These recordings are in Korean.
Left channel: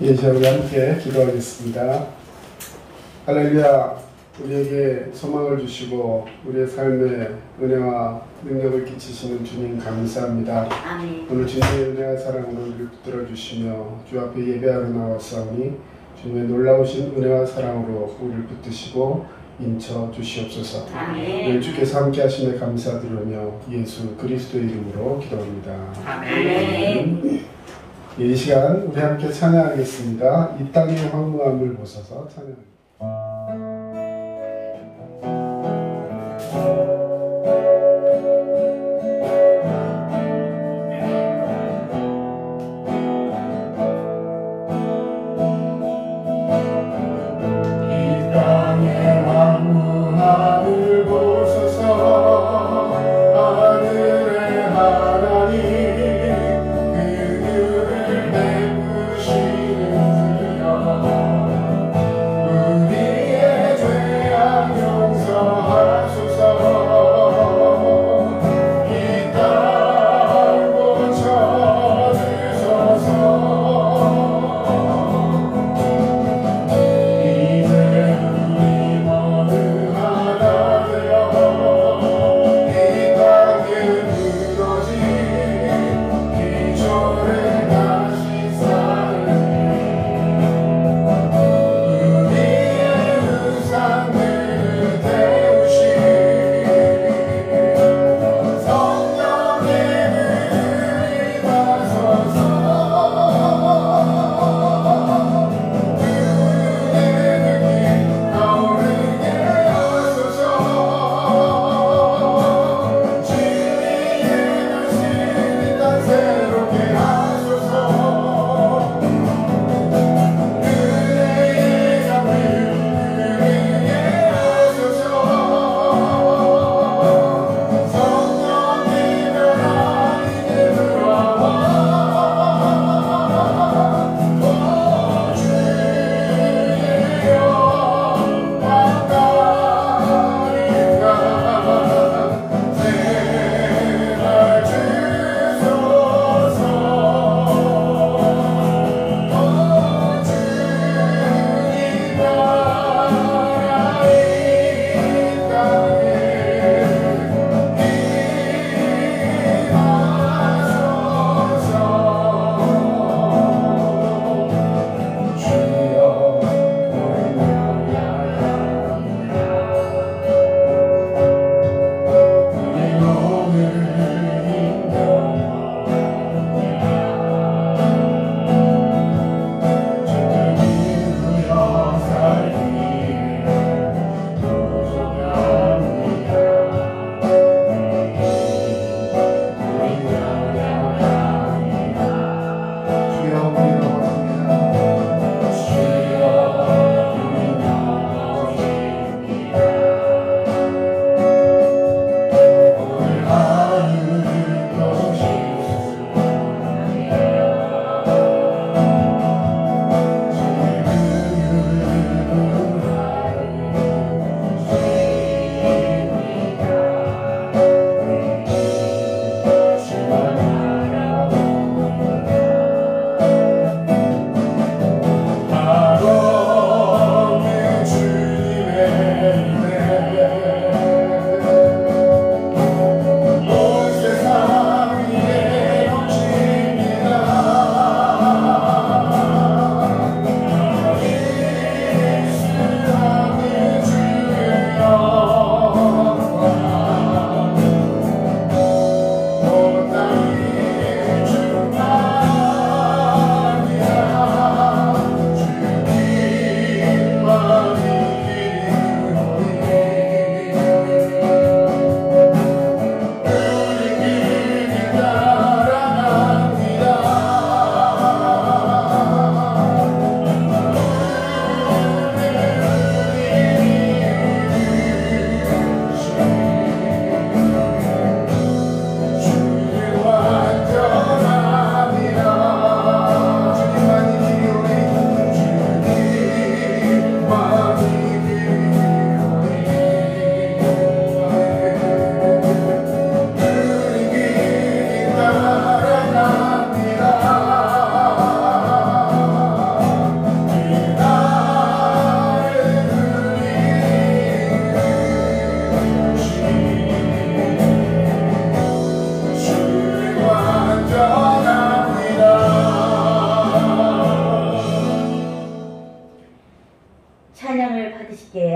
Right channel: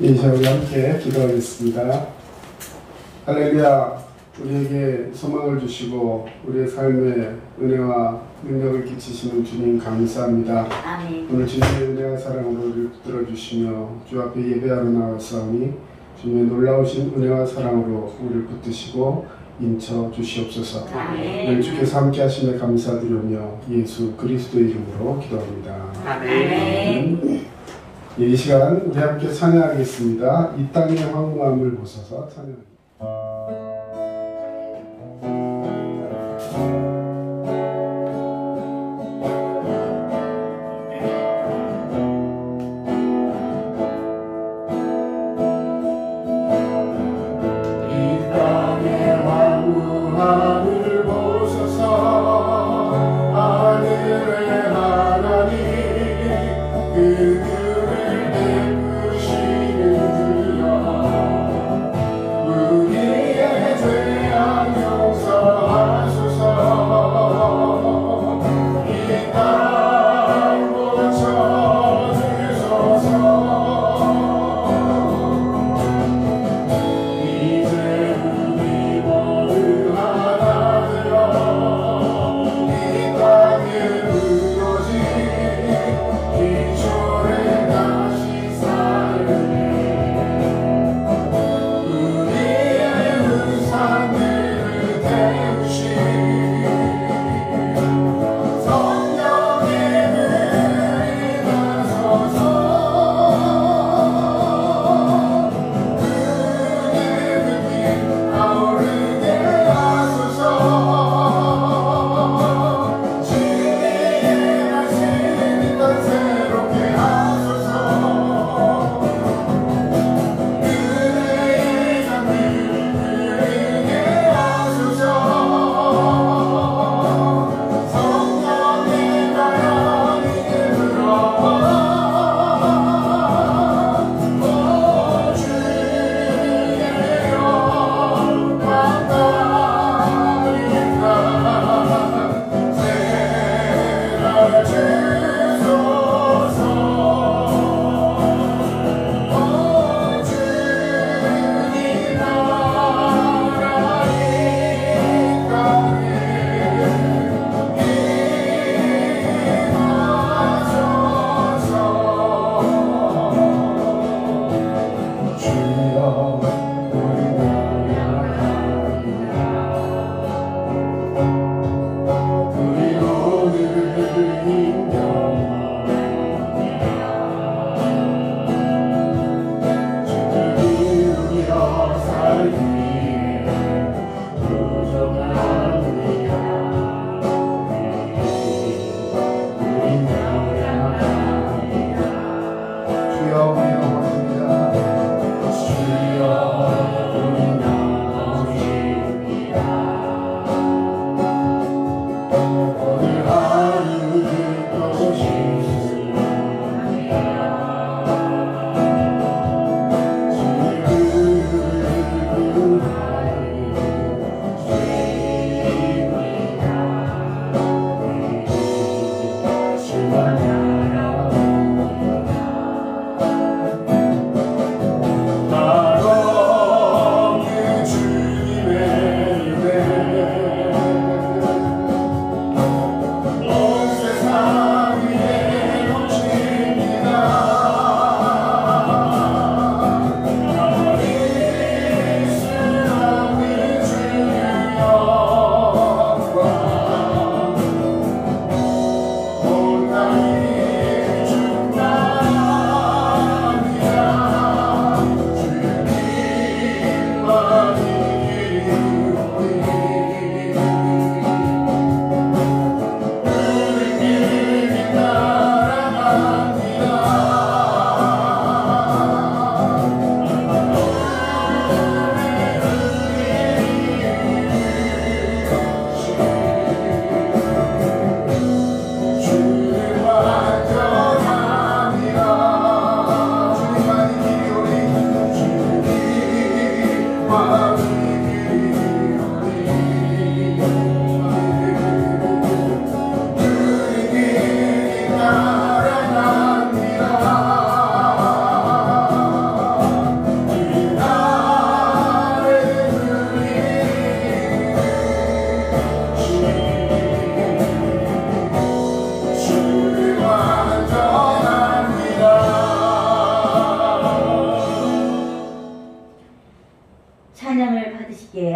이 시간에 함께 기도하겠습니다. 할렐루야, 우리에게 소망을 주시고 우리의 삶에 은혜와 능력을 끼치시는 주님 감사합니다. 아멘. 오늘 주님의 은혜와 사랑으로 우리를 붙들어 주시며 주 앞에 예배하러 나왔사오니 주님의 놀라우신 은혜와 사랑으로 우리를 붙드시고 인쳐 주시옵소서. 아멘. 주께서 함께 하심에 감사드리며 예수 그리스도의 이름으로 기도합니다. 아멘. 이 시간 우리 함께 찬양하겠습니다. 이 땅의 황무함을 보소서 찬양합니다. 하늘 보소서 하늘의 하나님 그들을 베푸시는 주여 우리의 죄악 용서하소서 이 땅 고쳐주소서 이제 우리 모두 하나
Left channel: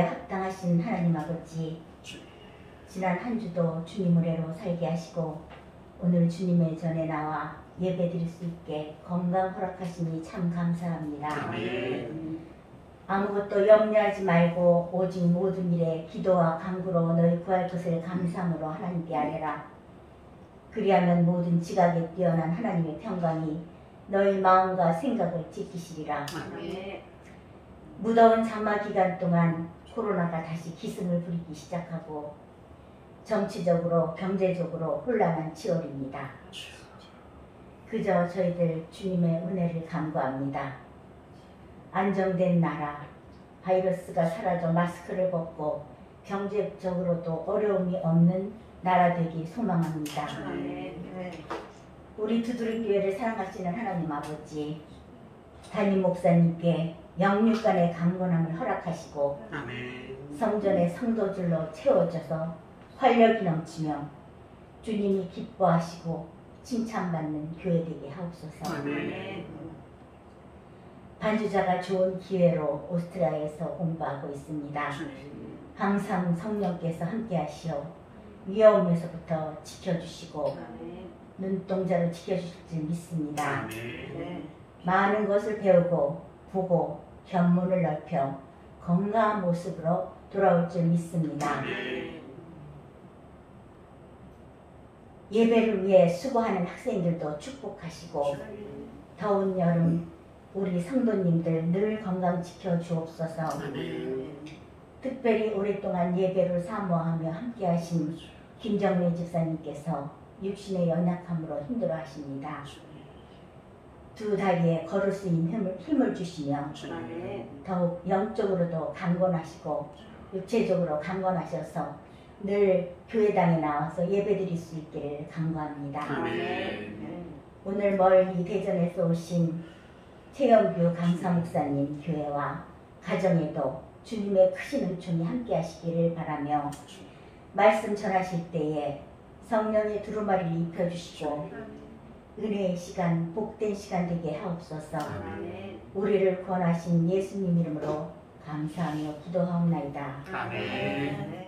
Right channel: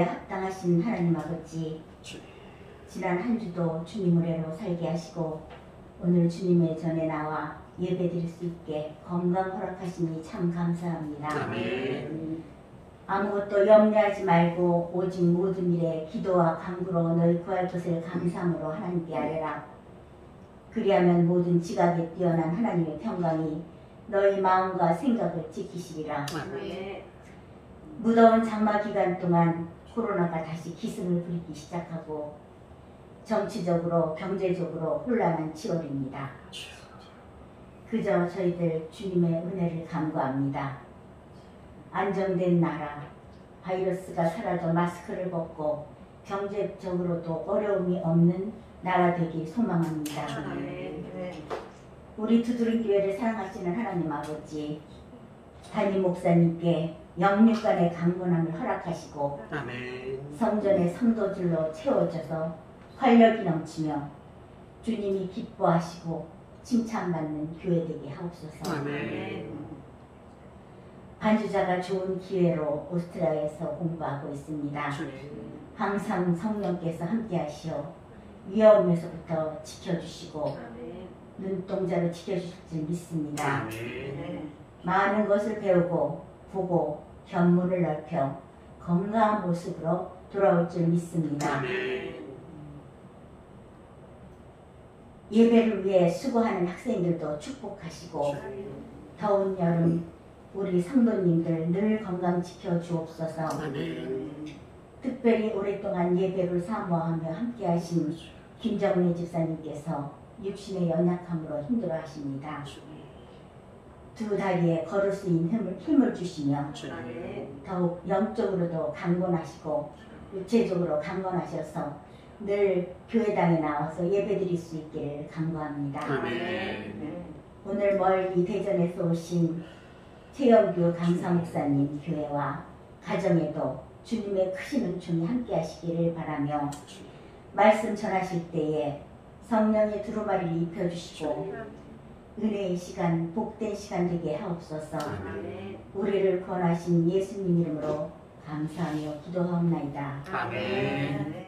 합당하신 하나님 아버지, 지난 한 주도 주님 은혜로 살게 하시고 오늘 주님의 전에 나와 예배드릴 수 있게 건강 허락하시니 참 감사합니다. 아무것도 염려하지 말고 오직 모든 일에 기도와 간구로 너희 구할 것을 감사함으로 하나님께 아뢰라. 그리하면 모든 지각에 뛰어난 하나님의 평강이 너희 마음과 생각을 지키시리라. 무더운 장마 기간 동안 코로나가 다시 기승을 부리기 시작하고 정치적으로 경제적으로 혼란한 7월입니다. 그저 저희들 주님의 은혜를 간구합니다. 안정된 나라, 바이러스가 사라져 마스크를 벗고 경제적으로도 어려움이 없는 나라 되기 소망합니다. 우리 두드림교회를 사랑하시는 하나님 아버지, 담임 목사님께 영육간의 강건함을 허락하시고 성전의 성도들로 채워져서 활력이 넘치며 주님이 기뻐하시고 칭찬받는 교회 되게 하옵소서. 반주자가 좋은 기회로 오스트리아에서 공부하고 있습니다. 항상 성령께서 함께 하시어 위험에서부터 지켜주시고 눈동자로 지켜주실 줄 믿습니다. 많은 것을 배우고 보고 견문을 넓혀 건강한 모습으로 돌아올 줄 믿습니다. 예배를 위해 수고하는 학생들도 축복하시고 더운 여름 우리 성도님들 늘 건강 지켜주옵소서. 특별히 오랫동안 예배를 사모하며 함께하신 김정민 집사님께서 육신의 연약함으로 힘들어하십니다. 두 다리에 걸을 수 있는 힘을 주시며 더욱 영적으로도 강건하시고 육체적으로 강건하셔서 늘 교회당에 나와서 예배드릴 수 있기를 간구합니다. 오늘 멀리 대전에서 오신 최영규 강사 목사님 교회와 가정에도 주님의 크신 은총이 함께 하시기를 바라며 말씀 전하실 때에 성령의 두루마리를 입혀주시고 은혜의 시간, 복된 시간 되게 하옵소서. 우리를 구원하신 예수님 이름으로 감사하며 기도하옵나이다. 아멘.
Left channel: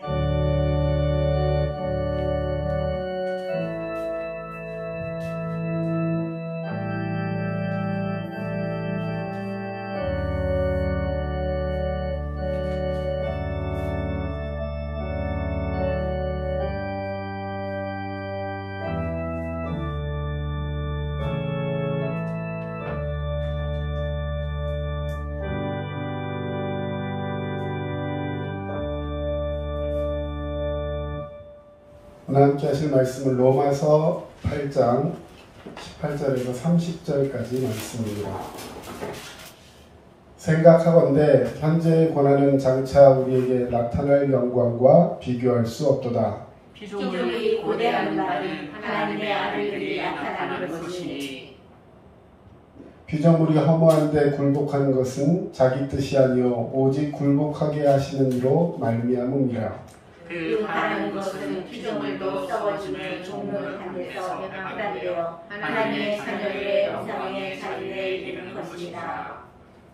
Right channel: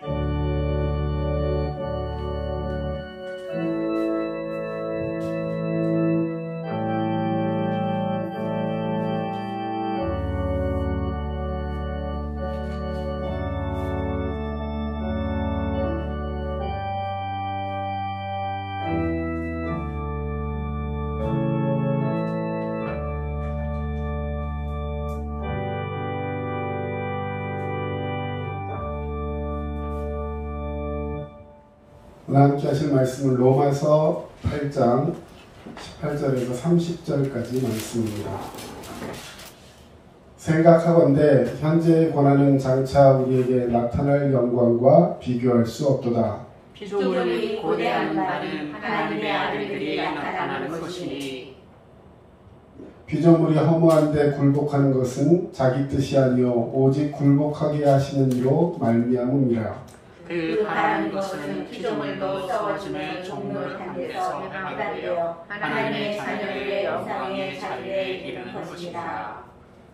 오늘 함께 하실 말씀은 로마서 8장 18절에서 30절까지 말씀입니다. 생각하건대 현재의 고난은 장차 우리에게 나타날 영광과 비교할 수 없도다. 피조물이 고대하는 바는 하나님의 아들들이 나타나는 것이니 피조물이 허무한데 굴복하는 것은 자기 뜻이 아니요 오직 굴복하게 하시는 이로 말미암음이라. 그 바라는 것은 피조물도 썩어짐에 종로를 향해서 하나되어 하나님의 자녀들의 이상의 자리에 이르는 것이니라.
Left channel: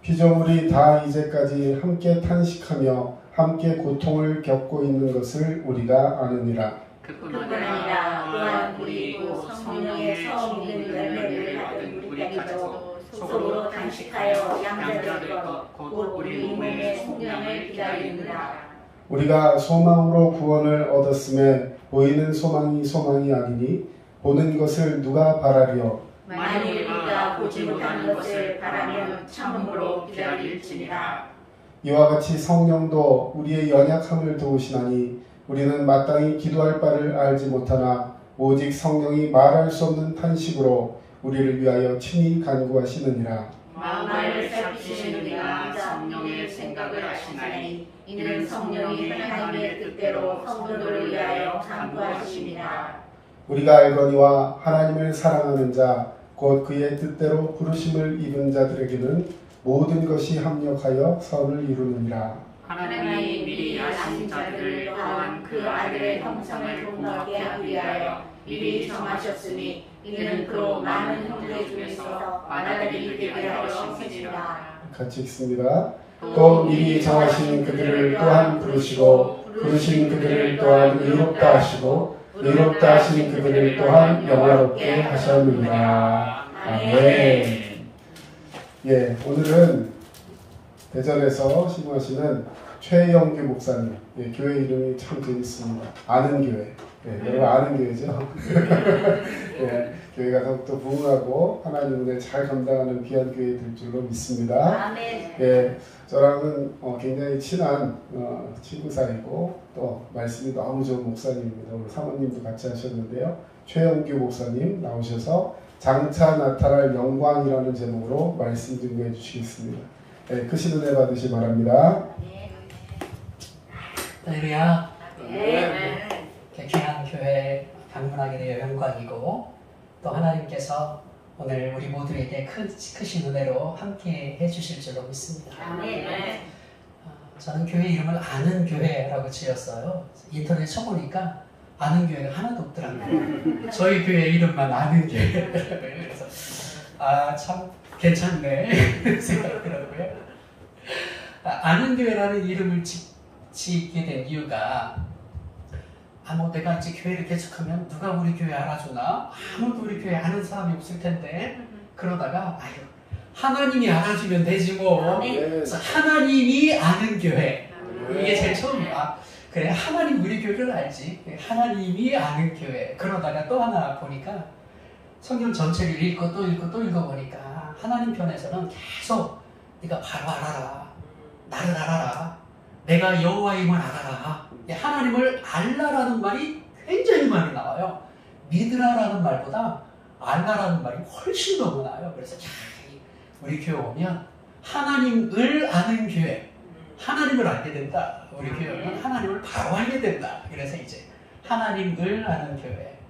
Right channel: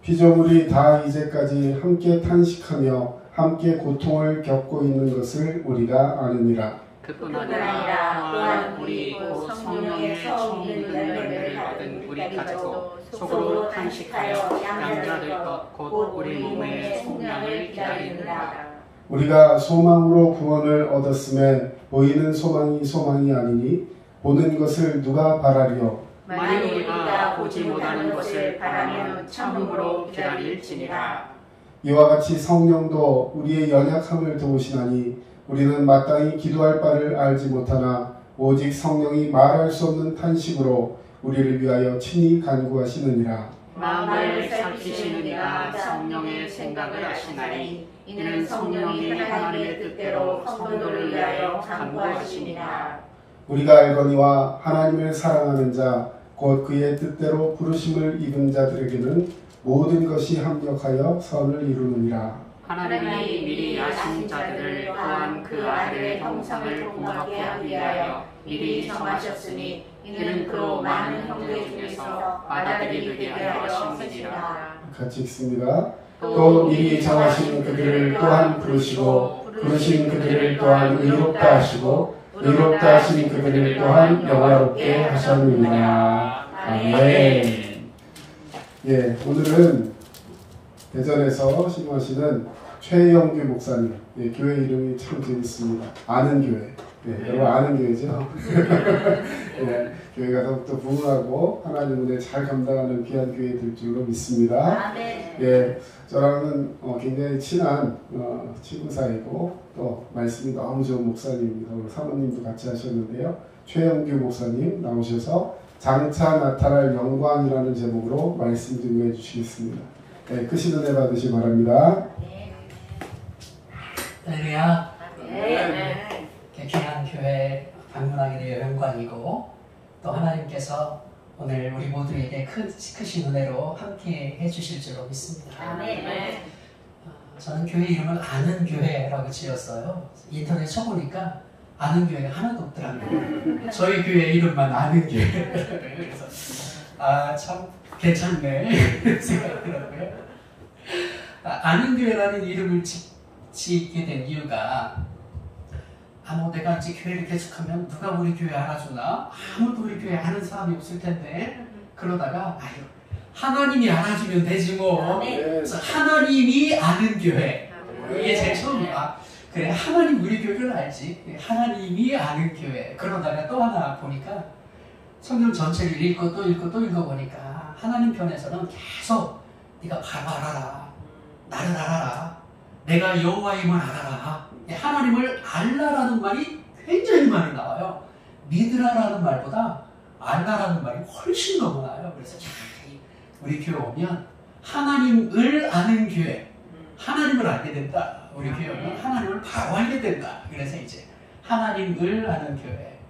피조물이 다 이제까지 함께 탄식하며 함께 고통을 겪고 있는 것을 우리가 아느니라. 그뿐 아니라 또한 우리 성령의 처음 익은 열매를 받은 우리까지도 속으로 단식하여 양자될 것 곧 우리 몸의 속량을 기다리느라. 우리가 소망으로 구원을 얻었음에 보이는 소망이 아니니 보는 것을 누가 바라리요. 만일 우리가 보지 못하는 것을 바라면 참음으로 기다릴지니라. 이와 같이 성령도 우리의 연약함을 도우시나니 우리는 마땅히 기도할 바를 알지 못하나 오직 성령이 말할 수 없는 탄식으로 우리를 위하여 친히 간구하시느니라. 마음을 살피시는 이가 성령의 생각을 아시나니 이는 성령이 하나님의 뜻대로 성도를 위하여 간구하시니라. 우리가 알거니와 하나님을 사랑하는 자 곧 그의 뜻대로 부르심을 입은 자들에게는 모든 것이 합력하여 선을 이루느니라. 하나님이 미리 아신 자들 또한 그 아들의 형상을 본받게 하기 위하여 미리 정하셨으니 이는 그로 많은 형제 중에서 아들이 되게 하려 하시니라. 같이 읽습니다. 또 미리 정하신 그들을 또한 부르시고 부르신 그들을 또한 의롭다 하시고 의롭다 하신 그들을 또한 영화롭게 하셨느니라. 아멘. 예, 오늘은 대전에서 신부하시는 최영규 목사님. 예, 교회 이름이 참 재밌습니다. 아는 교회. 예, 여러분 아는 교회죠? 예, 교회가 더욱더 부흥하고 하나님 은혜 잘 감당하는 귀한 교회 될 줄로 믿습니다. 아멘. 예, 저랑은 굉장히 친한 친구 사이고 또 말씀이 너무 좋은 목사님입니다. 오늘 사모님도 같이 하셨는데요. 최영규 목사님 나오셔서 장차 나타날 영광이라는 제목으로 말씀 증거해 주시겠습니다. 네, 크신 은혜 받으시 바랍니다. 할렐루야. 네. 귀한 교회 방문하게 되어 영광이고 또 하나님께서 오늘 우리 모두에게 크신 은혜로 함께 해주실 줄로 믿습니다. 아멘. 저는 교회 이름을 아는 교회라고 지었어요. 인터넷 쳐보니까 아는 교회가 하나도 없더라고요. 저희 교회 이름만 아는 교회. 그래서 참 괜찮네 생각하더라고요. 아는 교회라는 이름을 짓게 된 이유가 내가 이제 교회를 개척하면 누가 우리 교회 알아주나? 아무도 우리 교회 아는 사람이 없을 텐데 그러다가 하나님이 알아주면 되지 뭐. 그래서 하나님이 아는 교회. 이게 제일 처음이야. 그래, 하나님 우리 교회를 알지. 하나님이 아는 교회. 그러다가 또 하나 보니까 성경 전체를 읽고 또 읽고 또 읽어보니까 하나님 편에서는 계속 네가 바로 알아라. 나를 알아라. 내가 여호와임을 알아라. 하나님을 알라라는 말이 굉장히 많이 나와요. 믿으라라는 말보다 알라라는 말이 훨씬 더 많아요. 그래서 우리 교회 오면 하나님을 아는 교회, 하나님을 알게 된다. 우리 교회 오면 하나님을 바로 알게 된다. 그래서 이제 하나님을 아는 교회.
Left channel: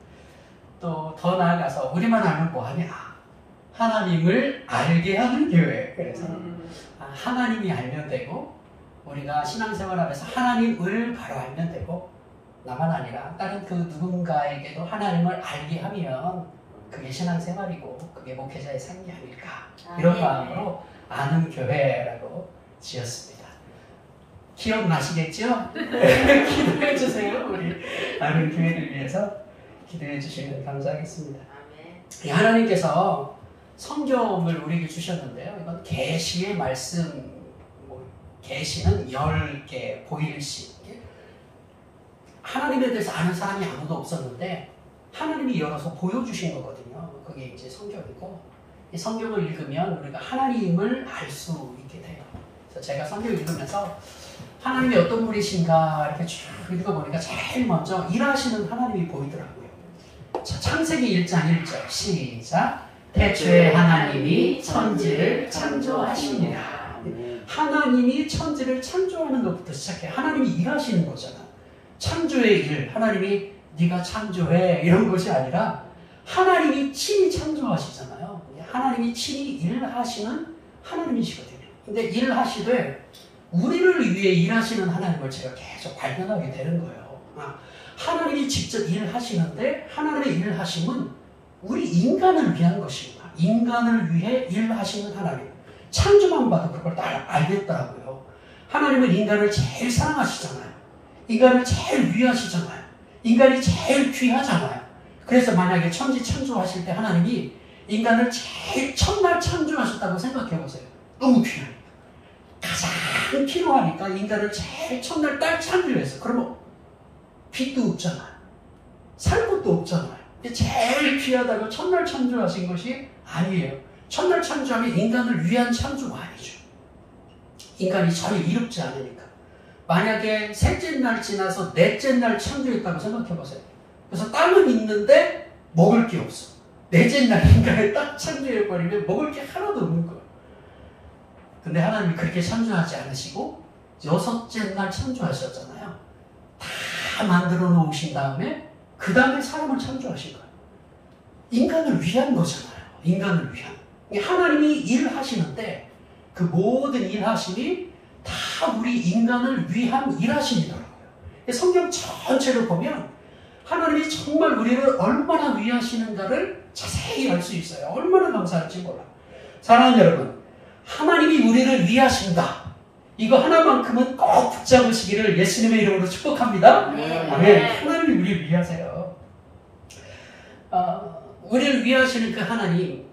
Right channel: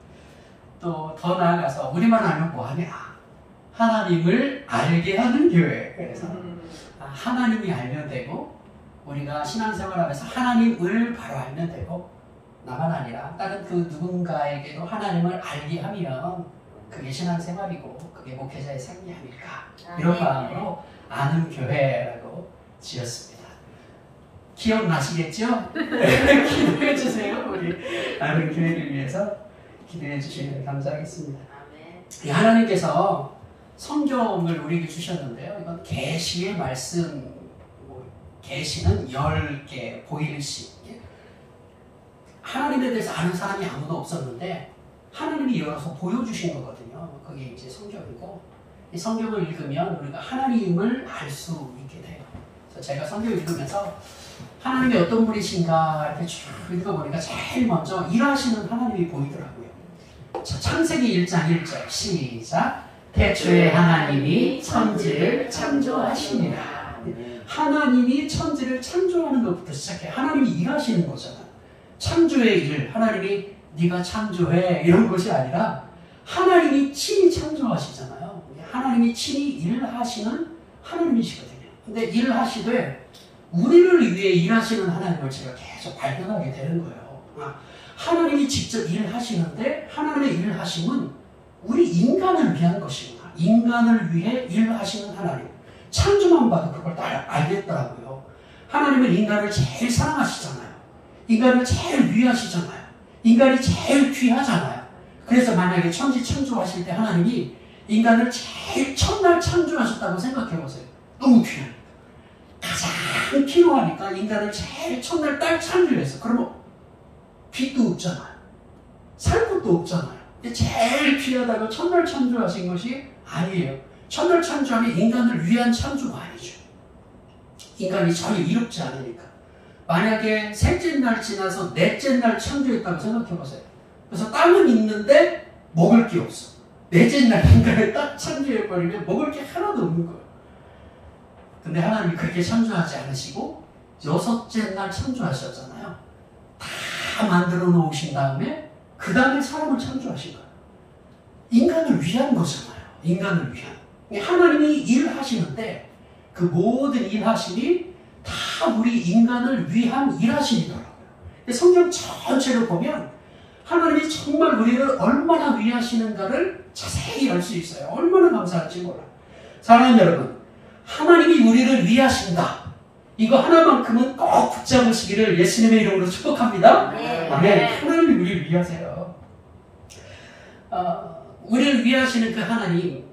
또 더 나아가서 우리만 알면 뭐하냐? 하나님을 알게 하는 교회. 그래서 하나님이 알면 되고 우리가 신앙생활하면서 하나님을 바로 알면 되고 나만 아니라 다른 그 누군가에게도 하나님을 알게 하면 그게 신앙생활이고 그게 목회자의 삶이 아닐까. 이런 마음으로 아는 교회라고 지었습니다. 기억나시겠죠? 기도해 주세요. 우리 아는 교회를 위해서 기도해 주시면 감사하겠습니다. 하나님께서 성경을 우리에게 주셨는데요. 이건 계시의 말씀. 계시는 10개 보일씩. 하나님에 대해서 아는 사람이 아무도 없었는데 하나님이 열어서 보여주신 거거든요. 그게 이제 성경이고 이 성경을 읽으면 우리가 하나님을 알 수 있게 돼요. 그래서 제가 성경을 읽으면서 하나님이 어떤 분이신가 이렇게 쭉 읽어보니까 제일 먼저 일하시는 하나님이 보이더라고요. 창세기 1장 1절 시작. 태초에 하나님이 천지를 창조하시니라. 하나님이 천지를 창조하는 것부터 시작해. 하나님이 일하시는 거잖아. 창조의 일, 하나님이 네가 창조해 이런 것이 아니라 하나님이 친히 창조하시잖아요. 하나님이 친히 일하시는 하나님이시거든요. 근데 일하시되 우리를 위해 일하시는 하나님을 제가 계속 발견하게 되는 거예요. 하나님이 직접 일하시는데 하나님의 일하심은 우리 인간을 위한 것이구나. 인간을 위해 일하시는 하나님. 창조만 봐도 그걸 다 알겠더라고요. 하나님은 인간을 제일 사랑하시잖아요. 인간을 제일 위하시잖아요. 인간이 제일 귀하잖아요. 그래서 만약에 천지 창조하실 때 하나님이 인간을 제일 첫날 창조하셨다고 생각해보세요. 너무 귀하니까. 가장 필요하니까 인간을 제일 첫날 딱 창조했어. 그러면 빛도 없잖아요. 살 것도 없잖아요. 제일 귀하다고 첫날 창조하신 것이 아니에요. 첫날 창조하면 인간을 위한 창조가 아니죠. 인간이 전혀 이롭지 않으니까. 만약에 셋째 날 지나서 넷째 날 창조했다고 생각해보세요. 그래서 땅은 있는데 먹을 게 없어. 넷째 날 인간을 딱 창조해버리면 먹을 게 하나도 없는 거예요. 근데 하나님이 그렇게 창조하지 않으시고 여섯째 날 창조하셨잖아요. 다 만들어 놓으신 다음에 그 다음에 사람을 창조하신 거예요. 인간을 위한 거잖아요. 인간을 위한. 하나님이 일하시는데 그 모든 일하심이 다 우리 인간을 위한 일하심이더라고요. 성경 전체를 보면 하나님이 정말 우리를 얼마나 위하시는가를 자세히 알 수 있어요. 얼마나 감사할지 몰라. 사랑하는 여러분, 하나님이 우리를 위하신다. 이거 하나만큼은 꼭 붙잡으시기를 예수님의 이름으로 축복합니다. 네. 아멘. 하나님이 우리를 위하세요. 우리를 위하시는 그 하나님,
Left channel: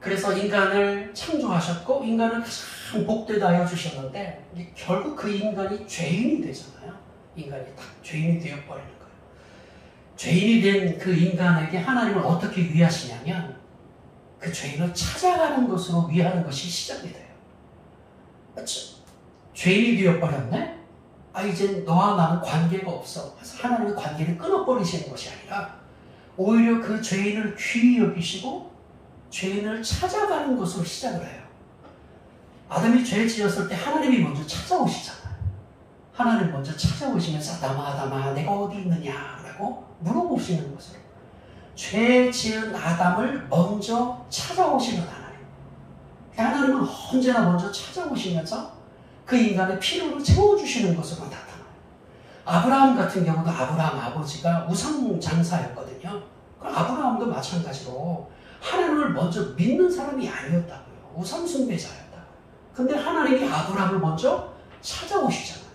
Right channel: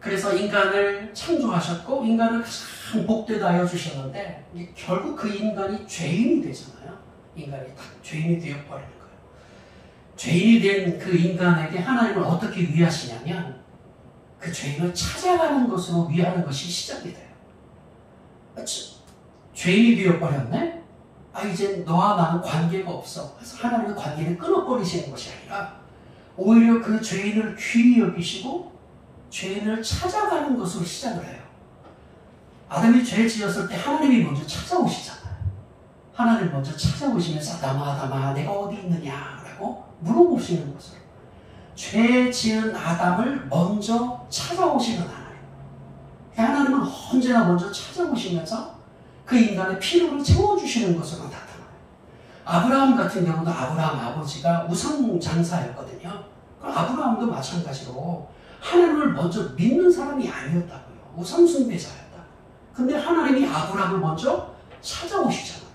그래서 인간을 창조하셨고 인간을 가장 복되다 하여 주셨는데 결국 그 인간이 죄인이 되잖아요. 인간이 다 죄인이 되어버리는 거예요. 죄인이 된 그 인간에게 하나님은 어떻게 위하시냐면 그 죄인을 찾아가는 것으로 위하는 것이 시작이 돼요. 죄인이 되어버렸네? 이제 너와 나는 관계가 없어. 그래서 하나님의 관계를 끊어버리시는 것이 아니라 오히려 그 죄인을 귀히 여기시고 죄인을 찾아가는 것으로 시작을 해요. 아담이 죄 지었을 때 하나님이 먼저 찾아오시잖아요. 하나님 먼저 찾아오시면서 아담아 내가 어디 있느냐라고 물어보시는 것으로 죄 지은 아담을 먼저 찾아오시는 하나님. 하나님은 언제나 먼저 찾아오시면서 그 인간의 필요를 채워주시는 것으로 나타나요. 아브라함 같은 경우도 아브라함 아버지가 우상 장사였거든요. 아브라함도 마찬가지로 하나님을 먼저 믿는 사람이 아니었다고요. 우상 숭배자였다고. 근데 하나님이 아브라함을 먼저 찾아오시잖아요.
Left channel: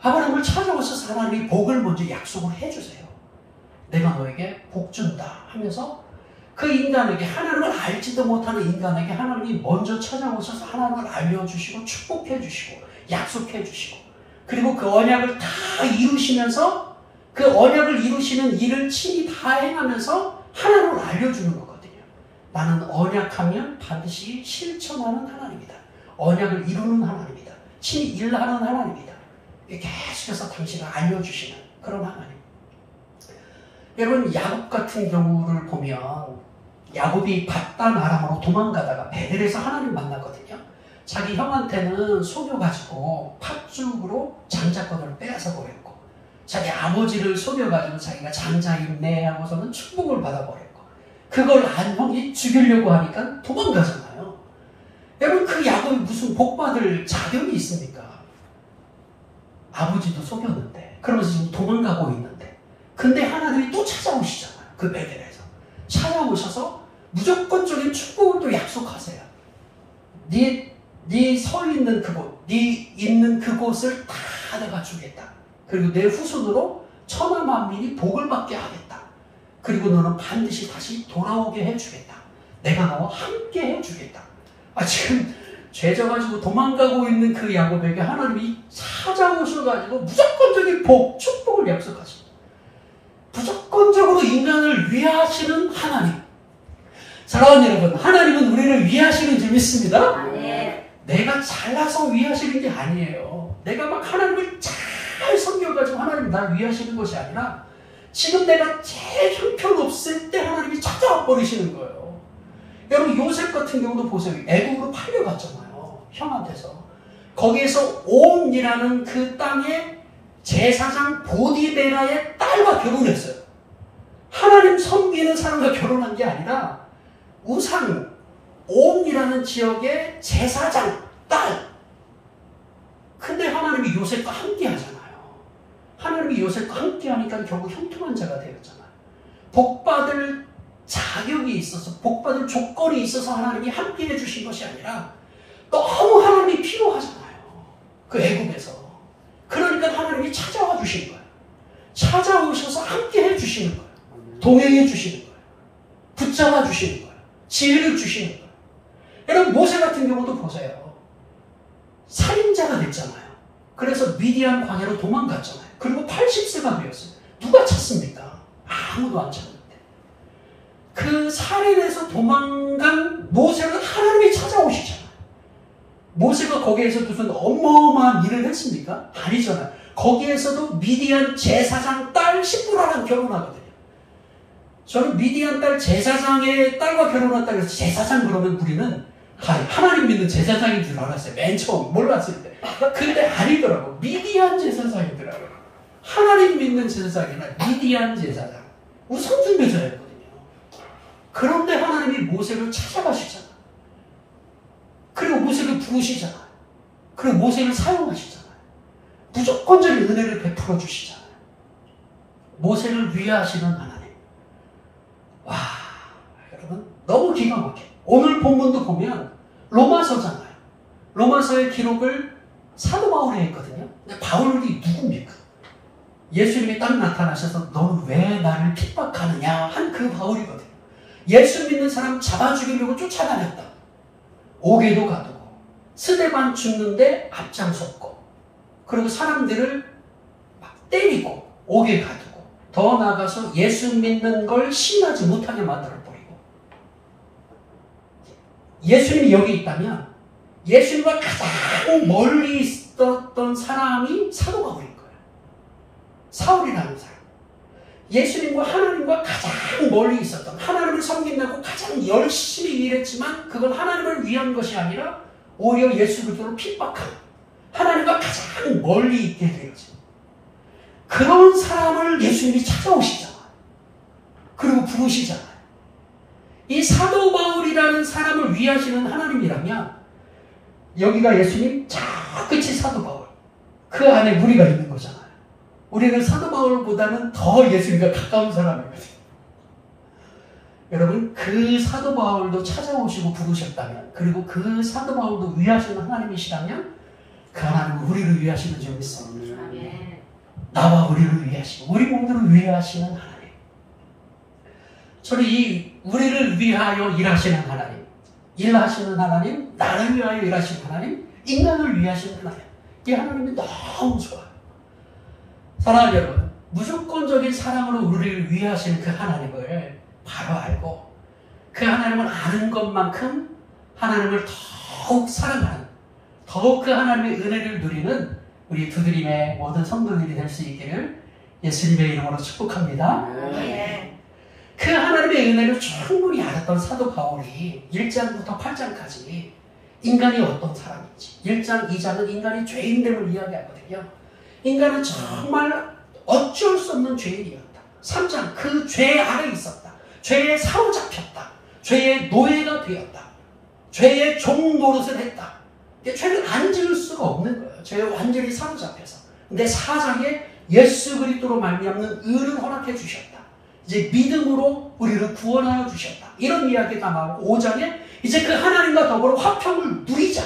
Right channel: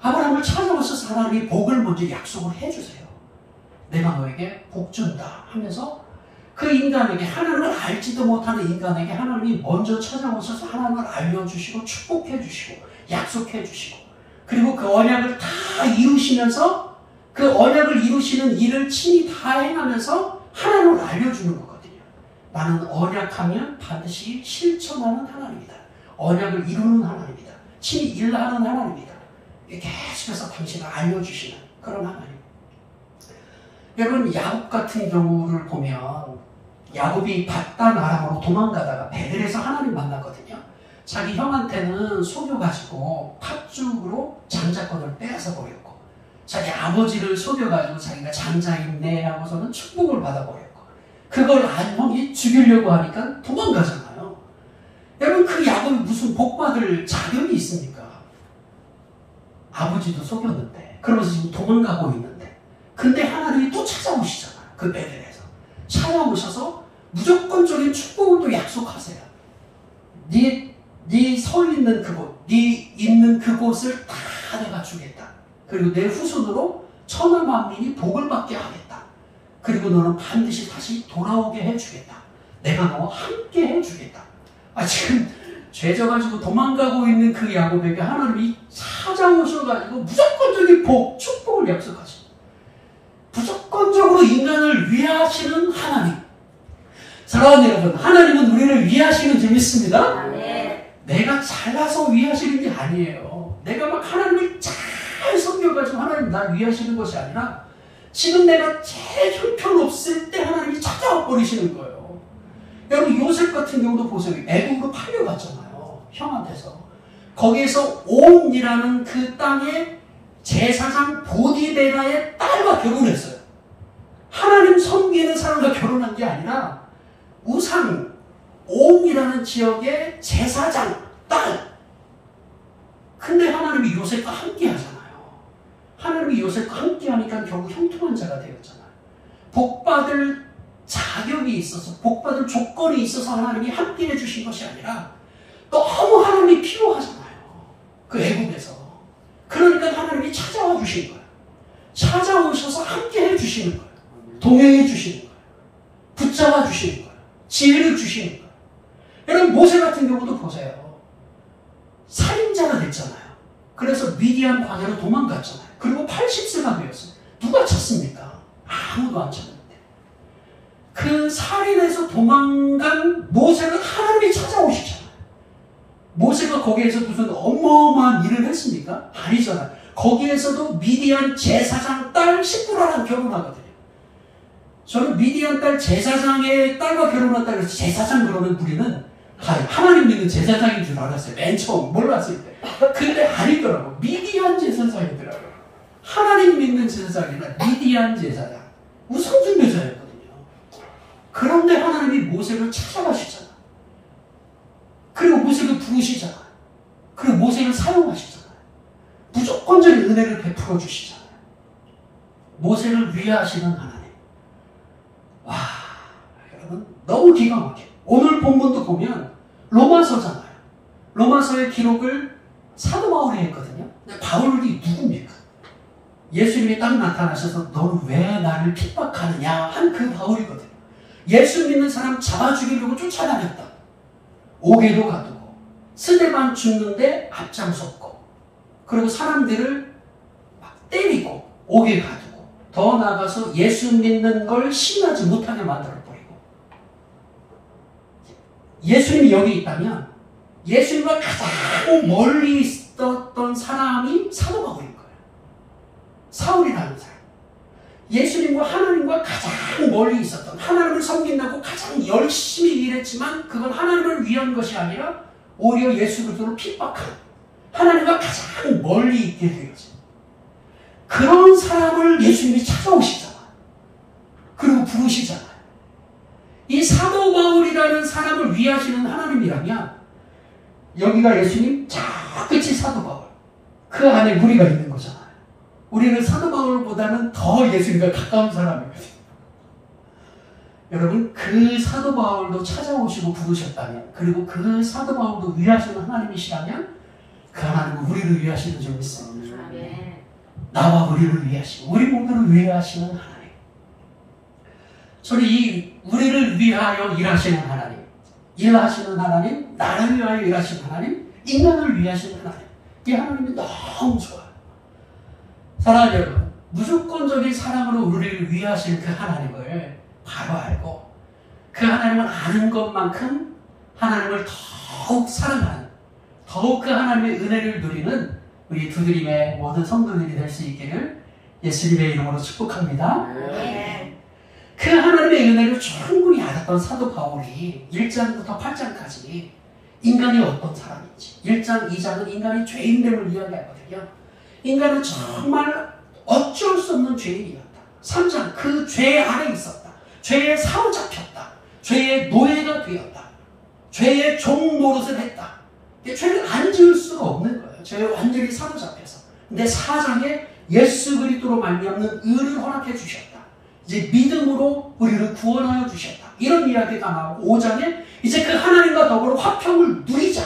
아브라함을 찾아오셔서 하나님이 복을 먼저 약속을 해주세요. 내가 너에게 복 준다 하면서 그 인간에게, 하나님을 알지도 못하는 인간에게 하나님이 먼저 찾아오셔서 하나님을 알려주시고 축복해 주시고 약속해 주시고, 그리고 그 언약을 다 이루시면서 그 언약을 이루시는 일을 친히 다 해나면서 하나님을 알려주는 거거든요. 나는 언약하면 반드시 실천하는 하나님이다. 언약을 이루는 하나님이다. 친히 일하는 하나님이다. 계속해서 당신을 알려주시는 그런 하나님. 여러분, 야곱 같은 경우를 보면 야곱이 밧단 아람으로 도망가다가 베델에서 하나님 만났거든요. 자기 형한테는 속여가지고 팥죽으로 장자권을 빼앗아 버렸고, 자기 아버지를 속여가지고 자기가 장자임네 하고서는 축복을 받아버렸고, 그걸 안 형이 죽이려고 하니까 도망가잖아요. 여러분, 그 야곱이 무슨 복받을 자격이 있습니까? 아버지도 속였는데, 그러면서 지금 도망가고 있는데, 근데 하나님이 또 찾아오시잖아요. 그 베델에서 찾아오셔서 무조건적인 축복을 또 약속하세요. 네 서 있는 그곳, 네 있는 그곳을 다 내가 주겠다. 그리고 내 후손으로 천하 만민이 복을 받게 하겠다. 그리고 너는 반드시 다시 돌아오게 해주겠다. 내가 너와 함께 해주겠다. 지금 죄져가지고 도망가고 있는 그 야곱에게 하나님이 찾아오셔가지고 무조건적인 복, 축복을 약속하십니다. 무조건적으로 인간을 위하시는 하나님. 사랑하는 여러분, 하나님은 우리를 위하시는 줄 믿습니다. 내가 잘나서 위하시는 게 아니에요. 내가 막 하나님을 잘 섬겨가지고 하나님 날 위하시는 것이 아니라 지금 내가 제일 형편없을 때 하나님이 찾아와 버리시는 거예요. 여러분, 요셉 같은 경우도 보세요. 애국으로 팔려갔잖아요. 형한테서. 거기에서 온이라는 그 땅에 제사장 보디베라의 딸과 결혼했어요. 하나님 섬기는 사람과 결혼한 게 아니라 우상, 온이라는 지역의 제사장 딸. 근데 하나님이 요셉과 함께 하잖아요. 하나님이 요셉과 함께 하니까 결국 형통한 자가 되었잖아요. 복받을 자격이 있어서, 복받을 조건이 있어서 하나님이 함께 해주신 것이 아니라 너무 하나님이 필요하잖아요. 그 애국에서. 그러니까 하나님이 찾아와 주신 거예요. 찾아오셔서 함께 해주시는 거예요. 동행해 주시는 거예요. 붙잡아 주시는 거예요. 지혜를 주시는 거예요. 여러분, 모세 같은 경우도 보세요. 살인자가 됐잖아요. 그래서 미디안 광야로 도망갔잖아요. 그리고 80세가 되었어요. 누가 찾습니까? 아무도 안 찾는데. 그 살인에서 도망간 모세를 하나님이 찾아오시잖아요. 모세가 거기에서 무슨 어마어마한 일을 했습니까? 아니잖아요. 거기에서도 미디안 제사장 딸 시므라랑 결혼하거든요. 저는 미디안 딸 제사장의 딸과 결혼했다고 해서 제사장 그러면 우리는 하나님 믿는 제사장인 줄 알았어요. 맨 처음 몰랐을 때. 근데 아니더라고. 미디안 제사장이더라고요. 하나님 믿는 제사장이 아니라 미디안 제사장. 우상숭배자였거든요. 그런데 하나님이 모세를 찾아가시잖아요. 그리고 모세를 부르시잖아요. 그리고 모세를 사용하시잖아요. 무조건적인 은혜를 베풀어 주시잖아요. 모세를 위하시는 하나님. 와, 여러분, 너무 기가 막혀요. 오늘 본문도 보면 로마서잖아요. 로마서의 기록을 사도 바울이 했거든요. 근데 바울이 누굽니까? 예수님이 딱 나타나셔서 너는 왜 나를 핍박하느냐 한 그 바울이거든요. 예수 믿는 사람 잡아 죽이려고 쫓아다녔다. 옥에도 가두고 스데반 죽는데 앞장섰고 그리고 사람들을 막 때리고 옥에 가두고 더 나아가서 예수 믿는 걸 신하지 못하게 만들어버리고 예수님이 여기 있다면 예수님과 가장 멀리 있었던 사람이 사도 바울인 거예요. 사울이라는 사람. 예수님과 하나님과 가장 멀리 있었던 하나님을 섬긴다고 가장 열심히 일했지만 그건 하나님을 위한 것이 아니라 오히려 예수 그리스도를 핍박한 하나님과 가장 멀리 있게 되었지. 그런 사람을 예수님이 찾아오시잖아요. 그리고 부르시잖아요. 이 사도 바울이라는 사람을 위하시는 하나님이라면 여기가 예수님 저 끝이 사도 바울 그 안에 우리가 있는 거잖아요. 우리는 사도 바울보다는 더 예수님과 가까운 사람이거든요. 여러분 그 사도 바울도 찾아오시고 부르셨다면 그리고 그 사도 바울도 위하시는 하나님이시라면 그 하나님은 우리를 위하시는 줄 믿습니다. 나와 우리를 위하시고 우리 몸들을 위하시는 하나님. 저는 이 우리를 위하여 일하시는 하나님, 일하시는 하나님, 나를 위하여 일하시는 하나님, 인간을 위하시는 하나님, 이 하나님이 너무 좋아요. 사랑하는 여러분, 무조건적인 사랑으로 우리를 위하시는 그 하나님을 바로 알고 그 하나님을 아는 것만큼 하나님을 더욱 사랑하는, 더욱 그 하나님의 은혜를 누리는 우리 두드림의 모든 성도들이 될 수 있기를 예수님의 이름으로 축복합니다. 네. 그 하나님의 은혜를 충분히 알았던 사도 바울이 1장부터 8장까지 인간이 어떤 사람인지 1장, 2장은 인간이 죄인됨을 이야기하거든요. 인간은 정말 어쩔 수 없는 죄인이었다. 3장 그 죄 아래 있었다. 죄에 사로잡혔다. 죄의 노예가 되었다. 죄의 종 노릇을 했다. 죄를 안 지을 수가 없는 거예요. 죄에 완전히 사로잡혀서. 근데 4장에 예수 그리스도로 말미암는 의를 허락해 주셨다. 이제 믿음으로 우리를 구원하여 주셨다. 이런 이야기가 나오고 5장에 이제 그 하나님과 더불어 화평을 누리자.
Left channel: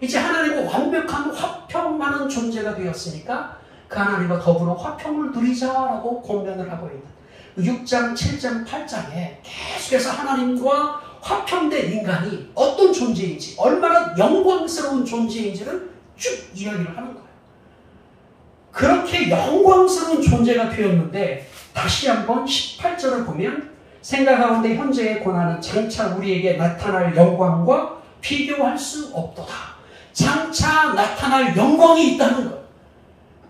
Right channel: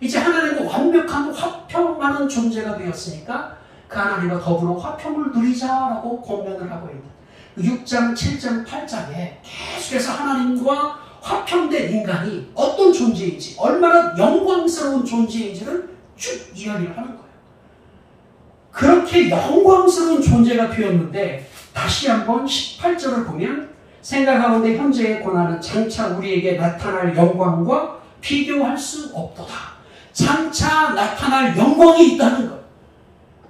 이제 하나님과 완벽한 화평하는 존재가 되었으니까 그 하나님과 더불어 화평을 누리자라고 권면을 하고 있는 6장, 7장, 8장에 계속해서 하나님과 화평된 인간이 어떤 존재인지 얼마나 영광스러운 존재인지를 쭉 이야기를 하는 거예요. 그렇게 영광스러운 존재가 되었는데 다시 한번 18절을 보면 생각하건대 현재의 고난은 장차 우리에게 나타날 영광과 비교할 수 없도다. 장차 나타날 영광이 있다는 거예요.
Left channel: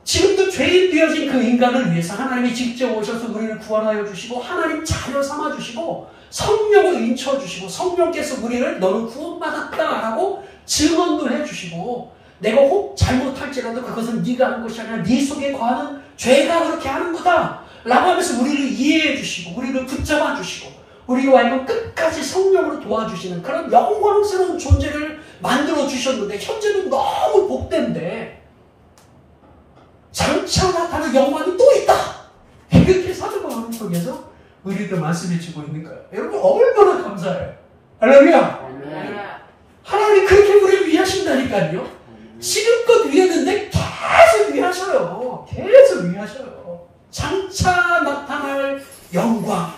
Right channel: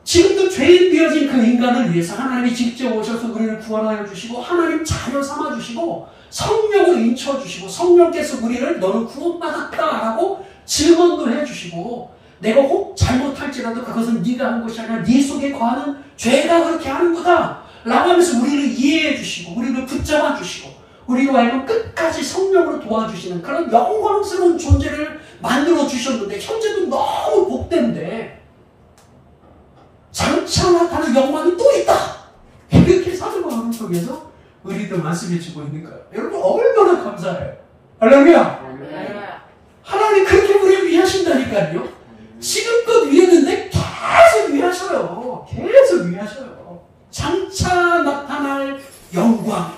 지금도 죄인 되어진 그 인간을 위해서 하나님이 직접 오셔서 우리를 구원하여 주시고 하나님 자녀 삼아 주시고 성령을 인쳐 주시고 성령께서 우리를 너는 구원받았다라고 증언도 해주시고 내가 혹 잘못할지라도 그것은 네가 한 것이 아니라 네 속에 거하는 죄가 그렇게 하는 거다 라고 하면서 우리를 이해해 주시고 우리를 붙잡아 주시고 우리로 하여금 끝까지 성령으로 도와주시는 그런 영광스러운 존재를 만들어 주셨는데 현재도 너무 복된데 장차 나타날 영광이 또 있다. 이렇게 사도 바울을 통해서 우리도 말씀해 주고 있는 거예요. 여러분 얼마나 감사해요. 할렐루야. 하나님이 그렇게 우리를 위하신다니까요. 지금껏 위했는데 계속 위하셔요. 계속 위하셔요. 장차 나타날 영광.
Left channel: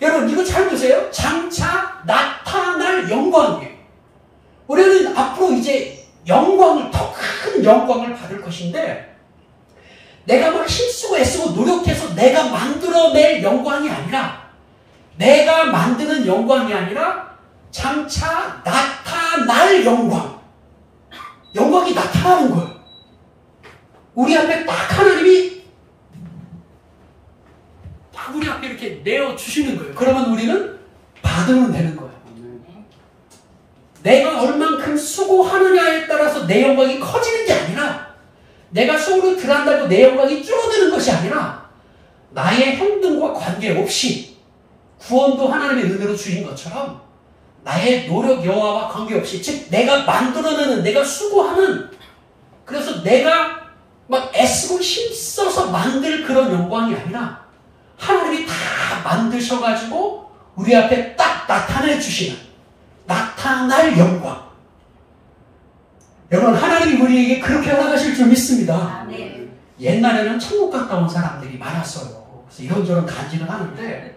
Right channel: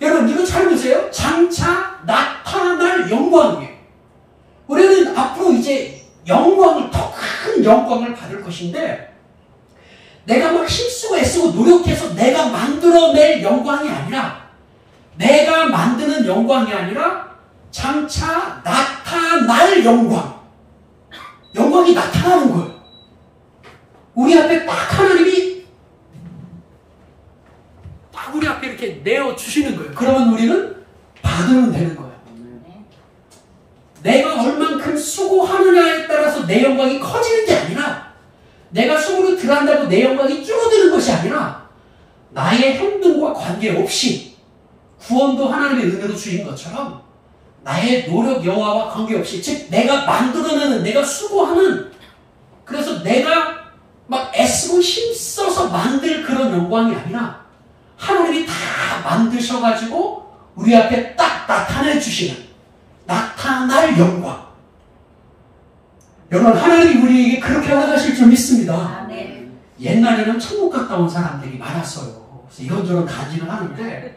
여러분 이거 잘 보세요. 장차 나타날 영광이에요. 우리는 앞으로 이제 영광을 더 큰 영광을 받을 것인데 내가 막 힘쓰고 애쓰고 노력해서 내가 만들어낼 영광이 아니라 내가 만드는 영광이 아니라 장차 나타날 영광. 영광이 나타나는 거예요. 우리 앞에 딱 하나님이 딱 우리 앞에 이렇게 내어주시는 거예요. 그러면 우리는 받으면 되는 거예요. 내가 얼만큼 수고하느냐에 따라서 내 영광이 커지는 게 아니라 내가 수고를 들어간다고 내 영광이 줄어드는 것이 아니라 나의 행동과 관계없이 구원도 하나님의 은혜로 주신 것처럼 나의 노력 여하와 관계없이 즉 내가 만들어내는 내가 수고하는 그래서 내가 막 애쓰고 힘써서 만들 그런 영광이 아니라 하나님이 다 만드셔가지고 우리 앞에 딱 나타내 주시는 나타날 영광. 여러분, 하나님이 우리에게 그렇게 허락하실 줄 믿습니다. 아멘. 옛날에는 천국 갔다 온 사람들이 많았어요. 그래서 이런저런 간증을 하는데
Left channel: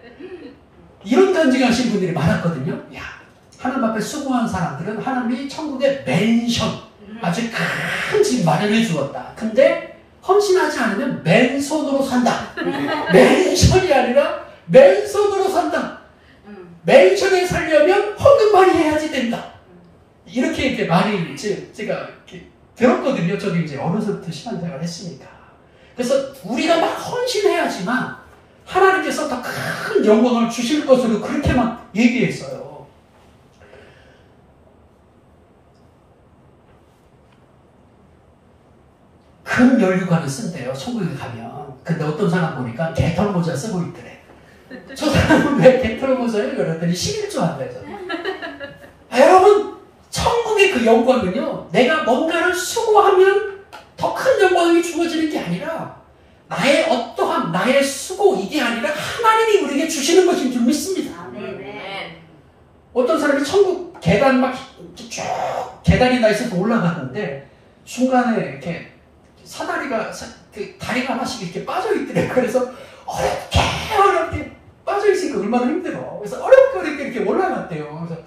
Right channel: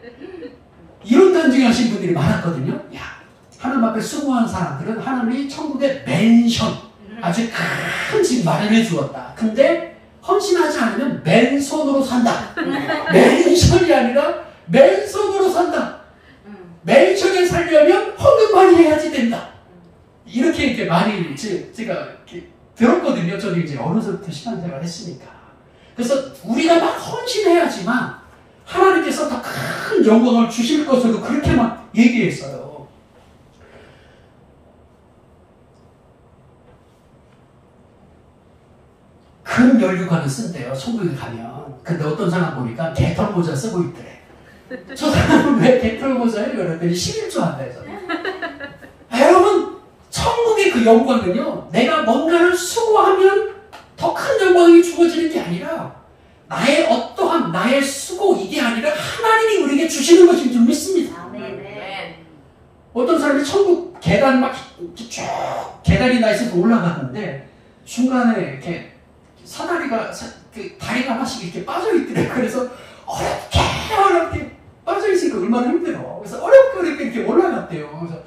이런 간증하신 분들이 많았거든요. 야, 하나님 앞에 수고한 사람들은 하나님이 천국의 맨션, 아주 큰 집 마련해 주었다. 근데 헌신하지 않으면 맨손으로 산다. 맨션이 아니라 맨손으로 산다. 맨션에 살려면 헌금 많이 해야지 된다. 이렇게 말이 제가 이렇게 들었거든요. 저도 이제 어느새부터 신앙생활을 했으니까. 그래서 우리가 막 헌신해야지만 하나님께서 더 큰 영광을 주실 것으로 그렇게 막 얘기했어요. 금 면류관을 쓴대요. 천국에 가면. 근데 어떤 사람 보니까 개털 모자 쓰고 있더래. 저 사람은 왜 개털 모자예요? 그랬더니 11조 한대서. 여러분, 천국의 그 영광은요, 내가 뭔가를 수고하면 더 큰 영광이 주어지는 게 아니라 나의 어떠한 나의 수고 이게 아니라 하나님이 우리에게 주시는 것인 줄 믿습니다. 아멘. 어떤 사람이 천국 계단 막 쭉 계단이 나 있어서 올라갔는데 중간에 이렇게 사다리가 그 다리가 하나씩 이렇게 빠져 있더래. 그래서 어렵게 빠져 있으니까 얼마나 힘들어. 그래서 어렵게 이렇게 올라갔대요. 그래서